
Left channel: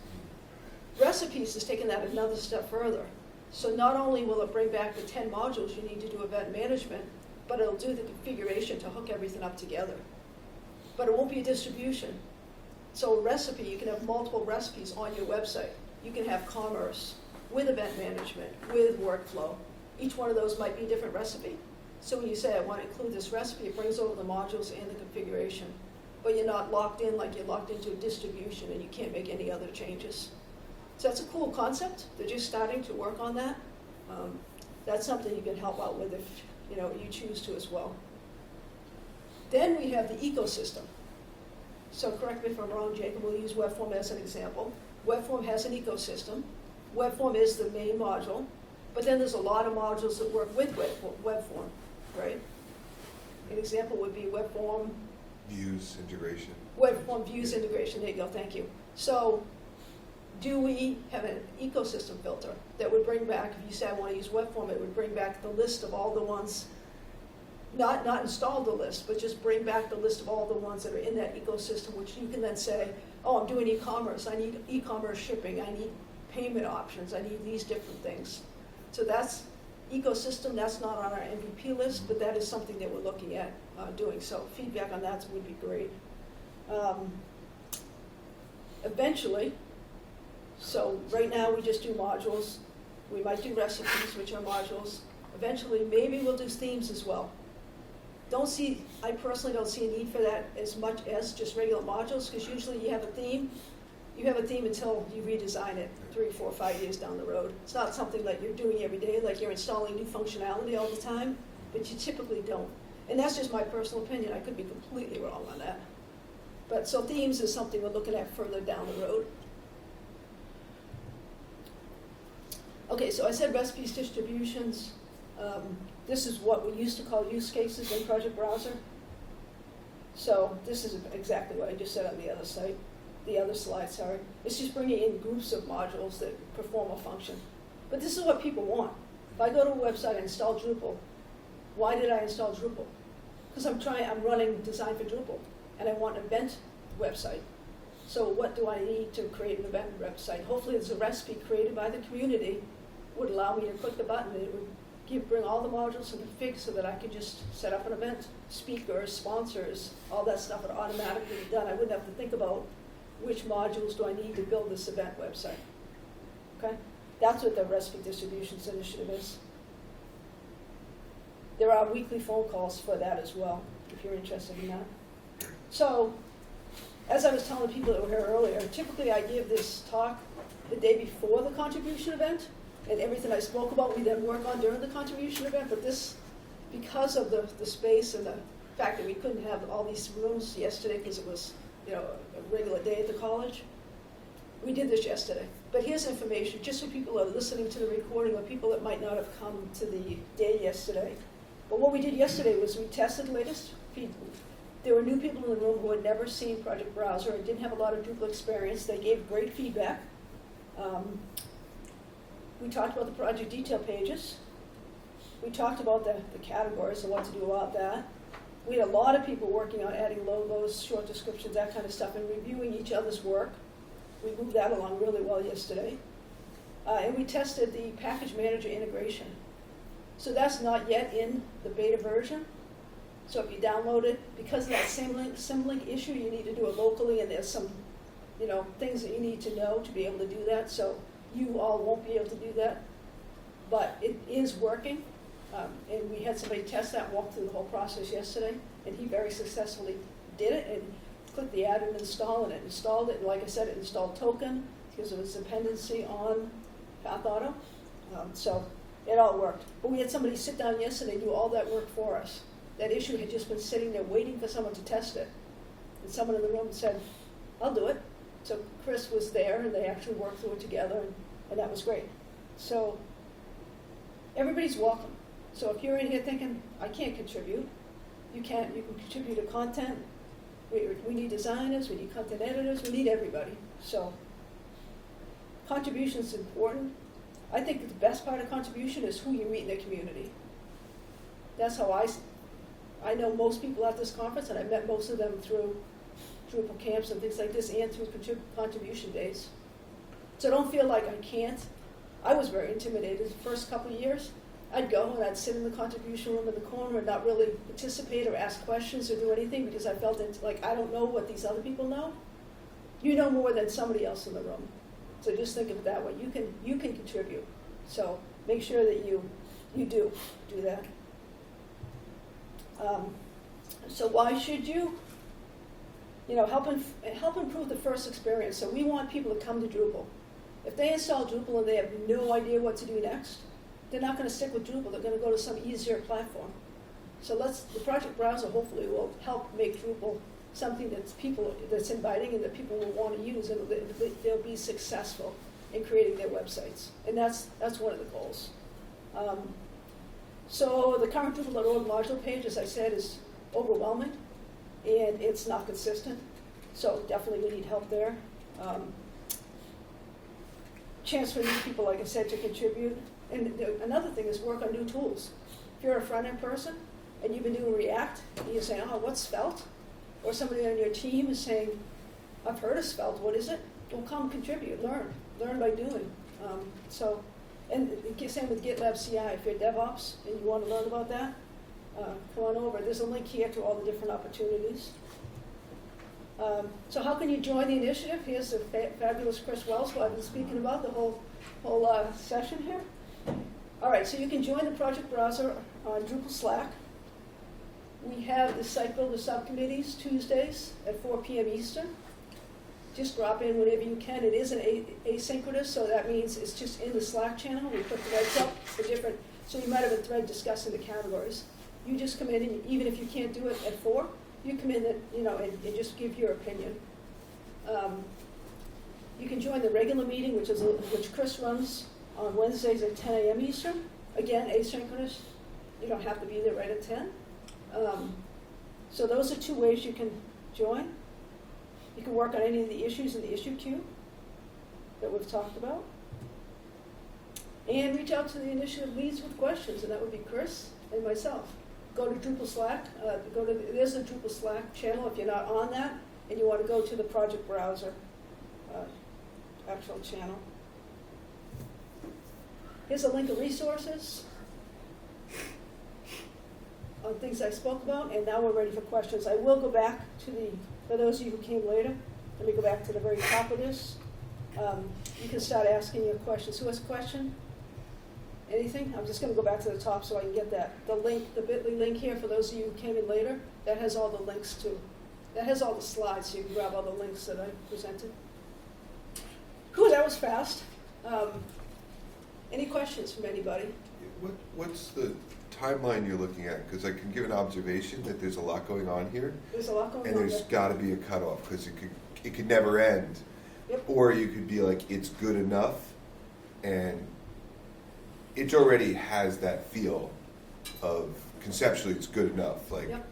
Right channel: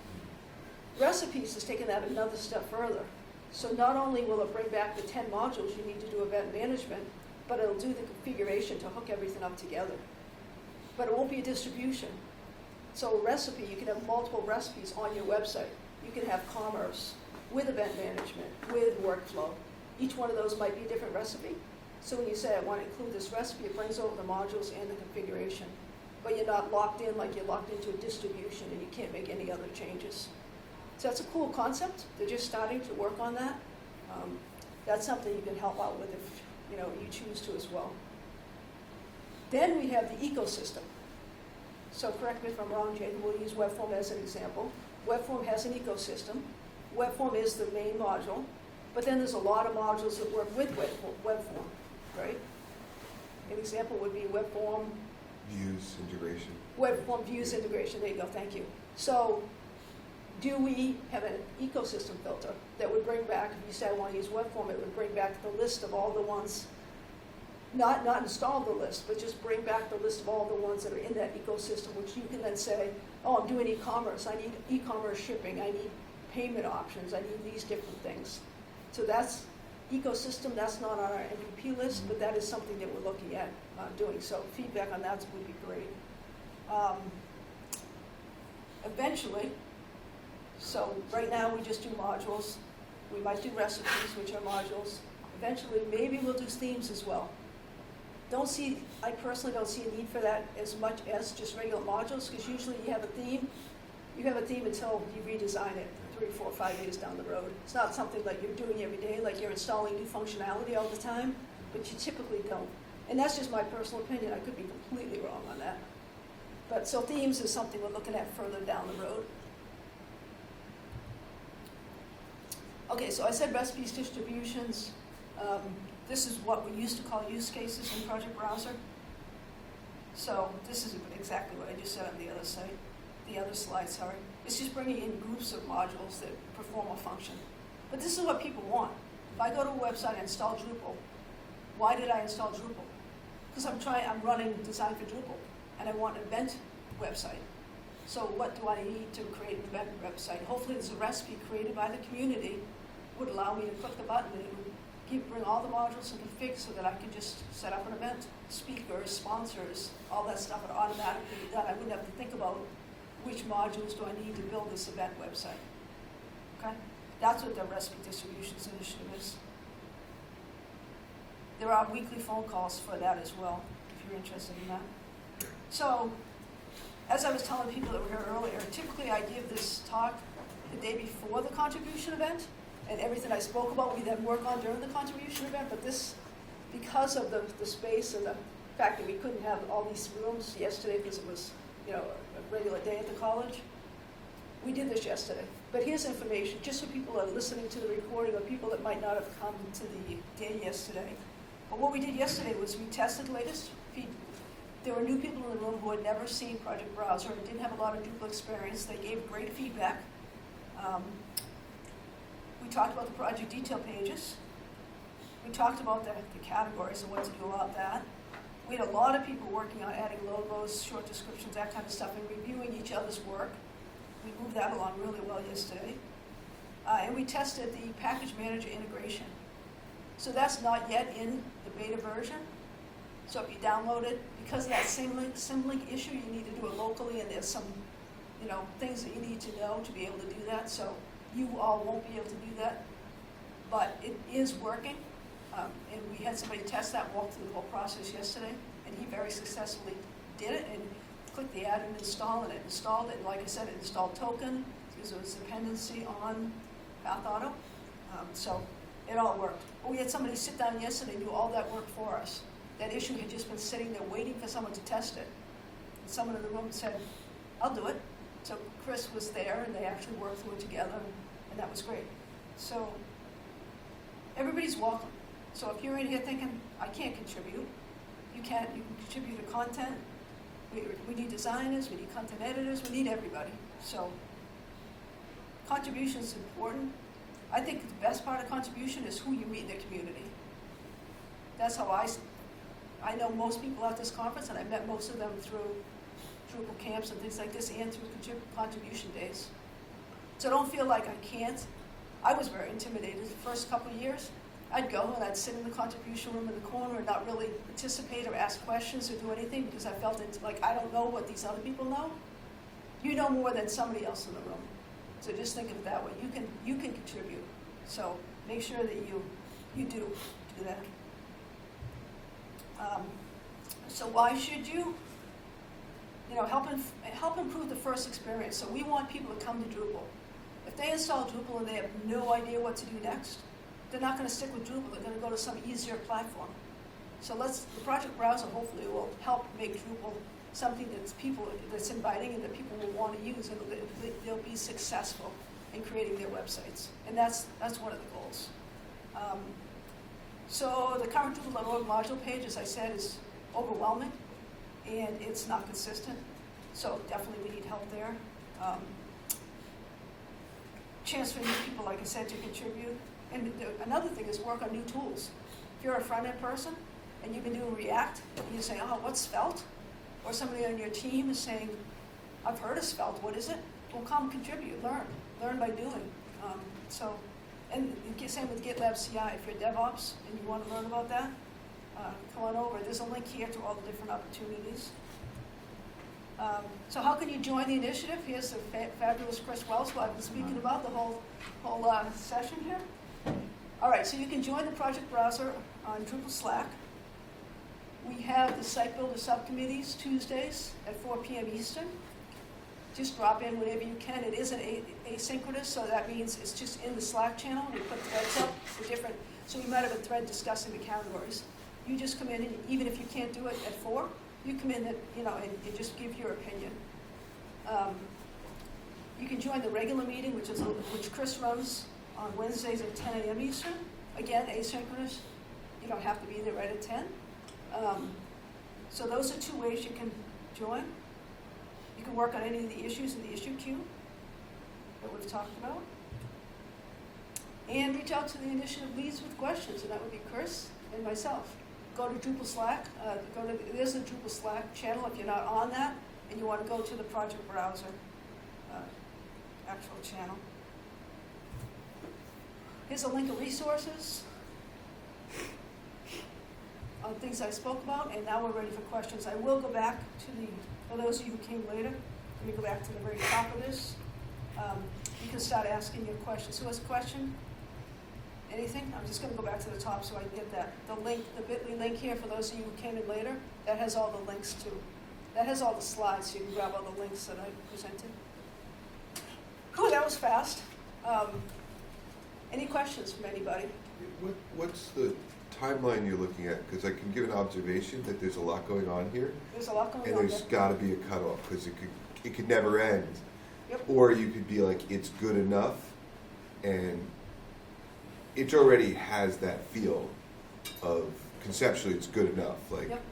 Recipes is taking that another step further. So not only will it bring back the 10 modules you need to do event management, but it'll do the configuration to hook everything up together. But it won't be a distribution. So a recipe, you can have multiple recipes on your website. You can have commerce with event management, with workflow. Each one of those might be a different recipe. So when you say, I want to include this recipe, it brings over the modules and the configuration. but you're not locked in like you're locked into a distribution and you can't make any other changes. So that's a cool concept. They're just starting to work on that. That's something you can help out with if you choose to as well. Then we have the ecosystem. So correct me if I'm wrong, Jane, we'll use WebForm as an example. WebForm has an ecosystem. WebForm is the main module, but then there's a lot of modules that work with WebForm, right? An example would be WebForm. Views integration. WebForm views integration, there you go, thank you. So do we have an ecosystem filter that would bring back, if you say I want to use WebForm, it would bring back the list of all the ones, not install the list, but just bring back the list of all the ones that are in that ecosystem, which you can then say, oh, I'm doing e-commerce, I need e-commerce shipping, I need payment options, I need these different things. So that's ecosystem, that's not on our MVP list, but that is something that we're looking at doing. So feedback on that would be great. Eventually, so right now we just do modules. We might do recipes, which are modules. Eventually, maybe we'll do themes as well. I personally don't see a need for that as much as just regular modules, because usually you have a theme until you redesign it 3, 4, 5 years down the road. It's not something that you're doing every day, like you're installing new functionality all the time, but you typically don't. And that's just my personal opinion. I could be completely wrong on that. But so themes is something we're looking at further down the road. Okay, so I said recipes, distributions. This is what we used to call use cases in Project Browser. So this is exactly what I just said on the other slide, sorry. It's just bringing in groups of modules that perform a function. But this is what people want. If I go to a website and install Drupal, why did I install Drupal? Because I'm running design for Drupal, and I want an event website. So what do I need to create an event website? Hopefully there's a recipe created by the community would allow me to click the button and it would bring all the modules and config so that I could just set up an event, speakers, sponsors, all that stuff would automatically be done. I wouldn't have to think about which modules do I need to build this event website. Okay? That's what the recipe distributions initiative is. There are weekly phone calls for that as well, if you're interested in that. So, as I was telling people that were here earlier, typically I give this talk the day before the contribution event, and everything I spoke about we then work on during the contribution event, but this, because of the space and the fact that we couldn't have all these rooms yesterday because it was a regular day at the college, we did this yesterday. But here's information, just for people that are listening to the recording or people that might not have come to the day yesterday. But what we did yesterday was we tested the latest feedback. There were new people in the room who had never seen Project Browser and didn't have a lot of Drupal experience. They gave great feedback. We talked about the project detail pages. We talked about the categories and what to do about that. We had a lot of people working on adding logos, short descriptions, that kind of stuff, and reviewing each other's work. We moved that along really well yesterday. And we tested the package manager integration. So that's not yet in the beta version. So if you download it, because of that Symlink issue, you need to do it locally, and there's some things that you need to know to be able to do that. So you all won't be able to do that, but it is working. And we had somebody test that, walk through the whole process yesterday, and he very successfully did it and clicked the add and install, and it installed it. And like I said, it installed token because it was dependency on Path Auto. So it all worked. But we had somebody sit down yesterday and do all that work for us. That issue had just been sitting there waiting for someone to test it. And someone in the room said, I'll do it. So Chris was there, and they actually worked through it together, and that was great. So everybody's welcome. So if you're in here thinking, I can't contribute, you can contribute to content. We need designers, we need content editors, we need everybody. So contribution is important. I think the best part of contribution is who you meet in the community. That's how I know most people at this conference, and I met most of them through Drupal camps and things like this, and through contribution days. So don't feel like I can't. I was very intimidated the first couple of years. I'd go and I'd sit in the contribution room in the corner and not really participate or ask questions or do anything because I felt like I don't know what these other people know. You know more than somebody else in the room. So just think of it that way. You can contribute. So make sure that you do that. So why should you? help improve the first experience. So we want people to come to Drupal. If they install Drupal and they have no idea what to do next, they're not going to stick with Drupal. They're going to go to some easier platform. So the project browser hopefully will help make Drupal something that's inviting and that people will want to use, and they'll be successful in creating their websites. And that's one of the goals. So the current Drupal.org module page, as I said, is overwhelming, and it's not consistent. So definitely we need help there. Chance for new people, like I said, to contribute. And another thing is work on new tools. If you're a front-end person and you've been doing React, and you say, oh, what's Svelte? Or somebody on your team is saying, I've heard of Svelte, what is it? Well, come contribute, learn by doing. And same with GitLab CI. If you're DevOps and you want to learn about that, come on over. There's a link here to all the different opportunities. So how can you join the initiative? Here's the fabulous Chris Wells, who I've been speaking about the whole session here. All right, so you can join the project browser on Drupal Slack. We have the site builder subcommittees Tuesdays at 4 p.m. Eastern. Just drop in whenever you can. It is an asynchronous, so that means it's just in the Slack channel. We put threads up for different, so we might have a thread discussing the categories. You just come in, and even if you can't do it at 4, you come in and just give your opinion. You can join the regular meeting, which Chris runs on Wednesdays at 10 a.m. Eastern. Again, asynchronous. You don't have to be there right at 10. So those are 2 ways you can join. You can work on any of the issues in the issue queue that we've talked about. And reach out to the initiative leads with questions, and that would be Chris and myself. Go to Drupal Slack. There's a Drupal Slack channel if you're not on that, and you want to go to the project browser actual channel. Here's a link of resources on things I spoke about, and now we're ready for questions. I will go back to for those of you who came later, let me go back to the very top of this. You can start asking your questions. Who has a question? Anything? I'm just going to go back to the top so I can get that. The link, the bit.ly link here for those of you who came in later, that has all the links to, that has all the slides, so you can grab all the links that I presented. Cool, that was fast. Any questions from anybody? What's the timeline you're looking at? Because I can give an observation that there's a lot going on here. There's a lot going on. And there's got to be a cutoff, because it could never end. Yep. Or you could be like, it's good enough, and it already has that feel of conceptually it's good enough. Like, yep.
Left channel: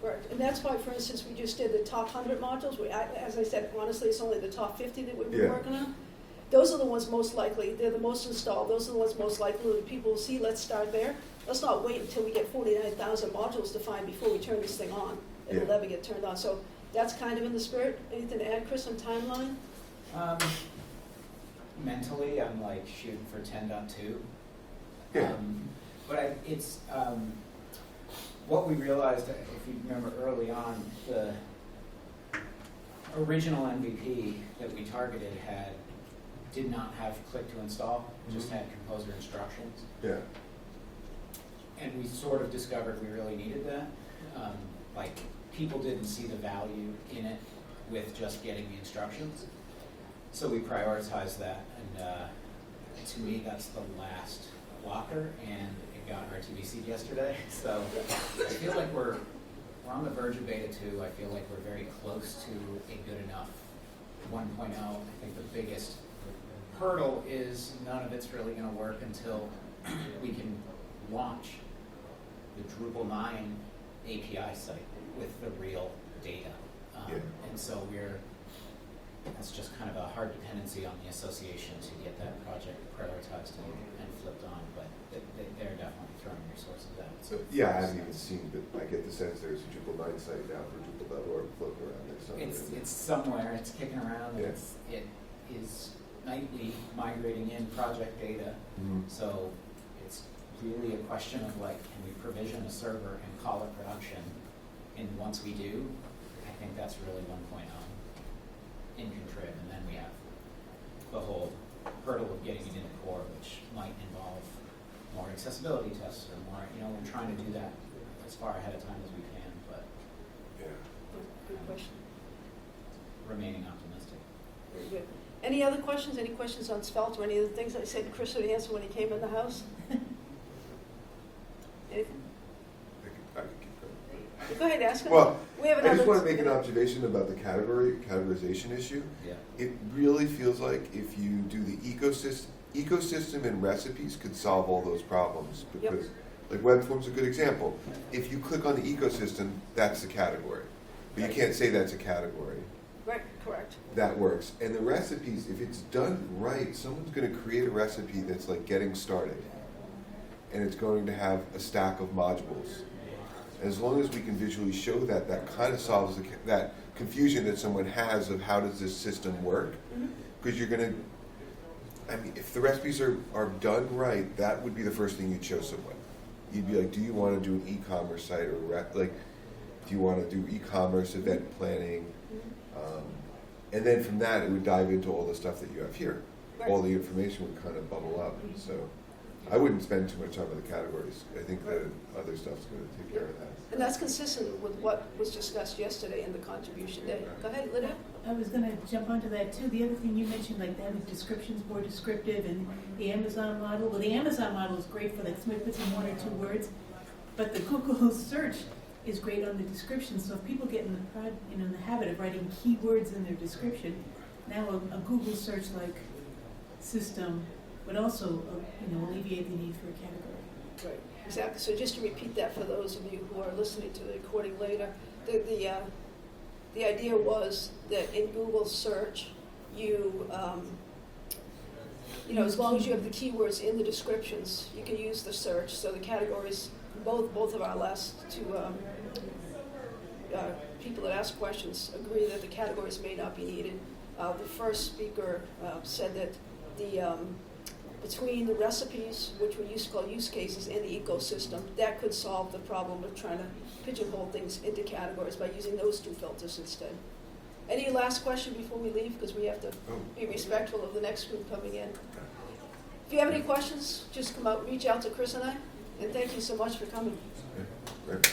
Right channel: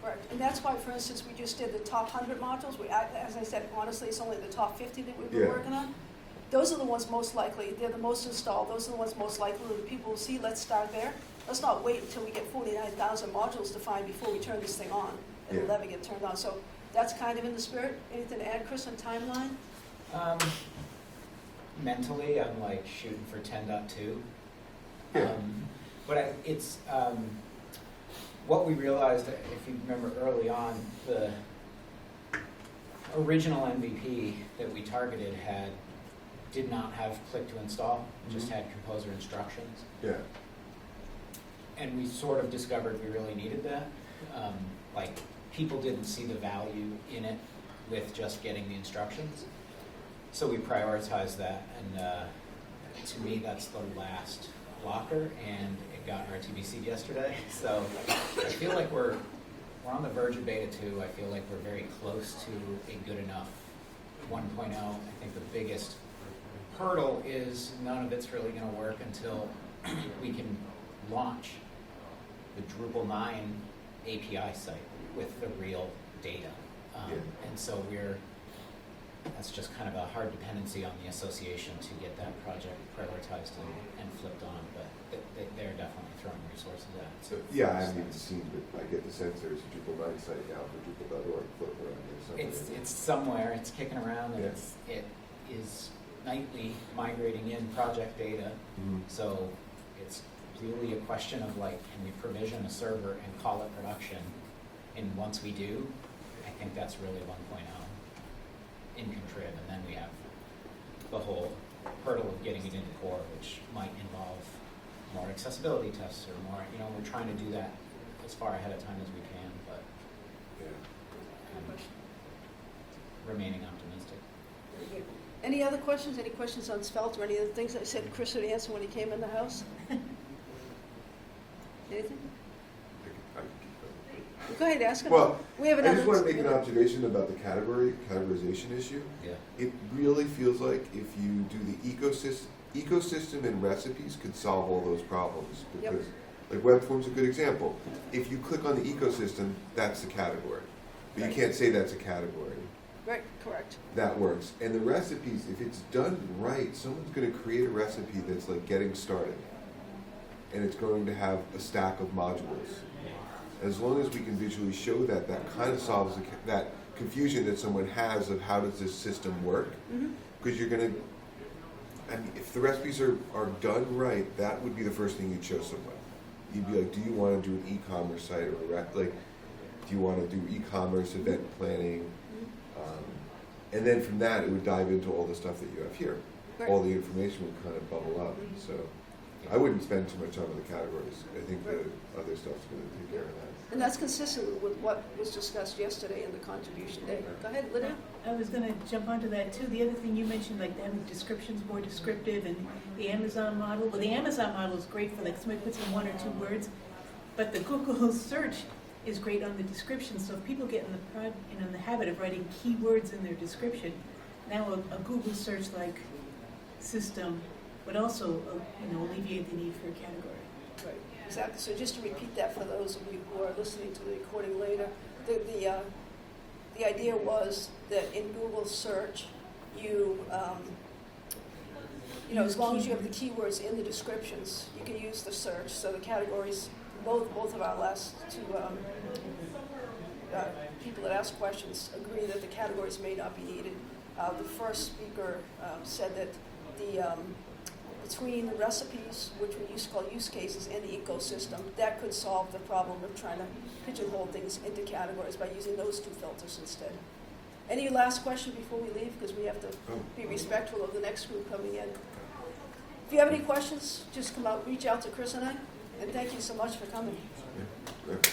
Correct. And that's why, for instance, we just did the top 100 modules. As I said, honestly, it's only the top 50 that we've been working on. Those are the ones most likely. They're the most installed. Those are the ones most likely that people will see. Let's start there. Let's not wait until we get 49,000 modules defined before we turn this thing on. It'll never get turned on. So that's kind of in the spirit. Anything to add, Chris, on timeline? Mentally, I'm like shooting for 10.2. Yeah. But it's what we realized, if you remember early on, the original MVP that we targeted did not have click to install, just had composer instructions. Yeah. And we sort of discovered we really needed that. Like, people didn't see the value in it with just getting the instructions. So we prioritized that, and to me, that's the last blocker, and it got RTBC'd yesterday. So I feel like we're on the verge of beta 2. I feel like we're very close to a good enough 1.0. I think the biggest hurdle is none of it's really going to work until we can launch the Drupal 9 API site with the real data. And so that's just kind of a hard dependency on the association to get that project prioritized and flipped on, but they're definitely throwing resources at it. So, yeah, I haven't even seen, but I get the sense there's a Drupal 9 site now for Drupal.org floating around there somewhere. It's somewhere, it's kicking around, and it is nightly migrating in project data. So it's really a question of, like, can we provision a server and call it production? And once we do, I think that's really 1.0 in Contrib, and then we have the whole hurdle of getting it into core, which might involve more accessibility tests or more, we're trying to do that as far ahead of time as we can, but. Good question. remaining optimistic. Very good. Any other questions? Any questions on Svelte or any of the things I said Chris would answer when he came in the house? Anything? I could keep going. Go ahead, ask him. Well, We have I just another- want to make an observation about the categorization issue. Yeah. It really feels like if you do the ecosystem and recipes could solve all those problems, because like web form's a good example. If you click on the ecosystem, that's the category. But you can't say that's a category. Right, correct. That works. And the recipes, if it's done right, someone's going to create a recipe that's like getting started. And it's going to have a stack of modules. As long as we can visually show that, that kind of solves that confusion that someone has of how does this system work. Because you're going to, I mean, if the recipes are done right, that would be the first thing you'd show someone. You'd be like, do you want to do an e-commerce site or like, do you want to do e-commerce event planning? And then from that, it would dive into all the stuff that you have here. Right. All the information would kind of bubble up. So I wouldn't spend too much time on the categories. I think the other stuff's going to take care of that. And that's consistent with what was discussed yesterday in the contribution day. Go ahead, Linda. I was gonna jump onto that too. The other thing you mentioned, like having descriptions more descriptive and the Amazon model. Well, the Amazon model is great for like somebody puts in 1 or 2 words, but the Google search is great on the description. So if people get in the habit of writing keywords in their description, now a Google search like system would also alleviate the need for a category. Right, exactly. So just to repeat that for those of you who are listening to the recording later, the idea was that in Google search, as long as you have the keywords in the descriptions, you can use the search. So the categories, both of our last 2 people that asked questions agree that the categories may not be needed. The first speaker said that between the recipes, which we used to call use cases, and the ecosystem, that could solve the problem of trying to pigeonhole things into categories by using those 2 filters instead. Any last question before we leave? Because we have to be respectful of the next group coming in. If you have any questions, just come out, reach out to Chris and I, and thank you so much for coming. Yeah, great.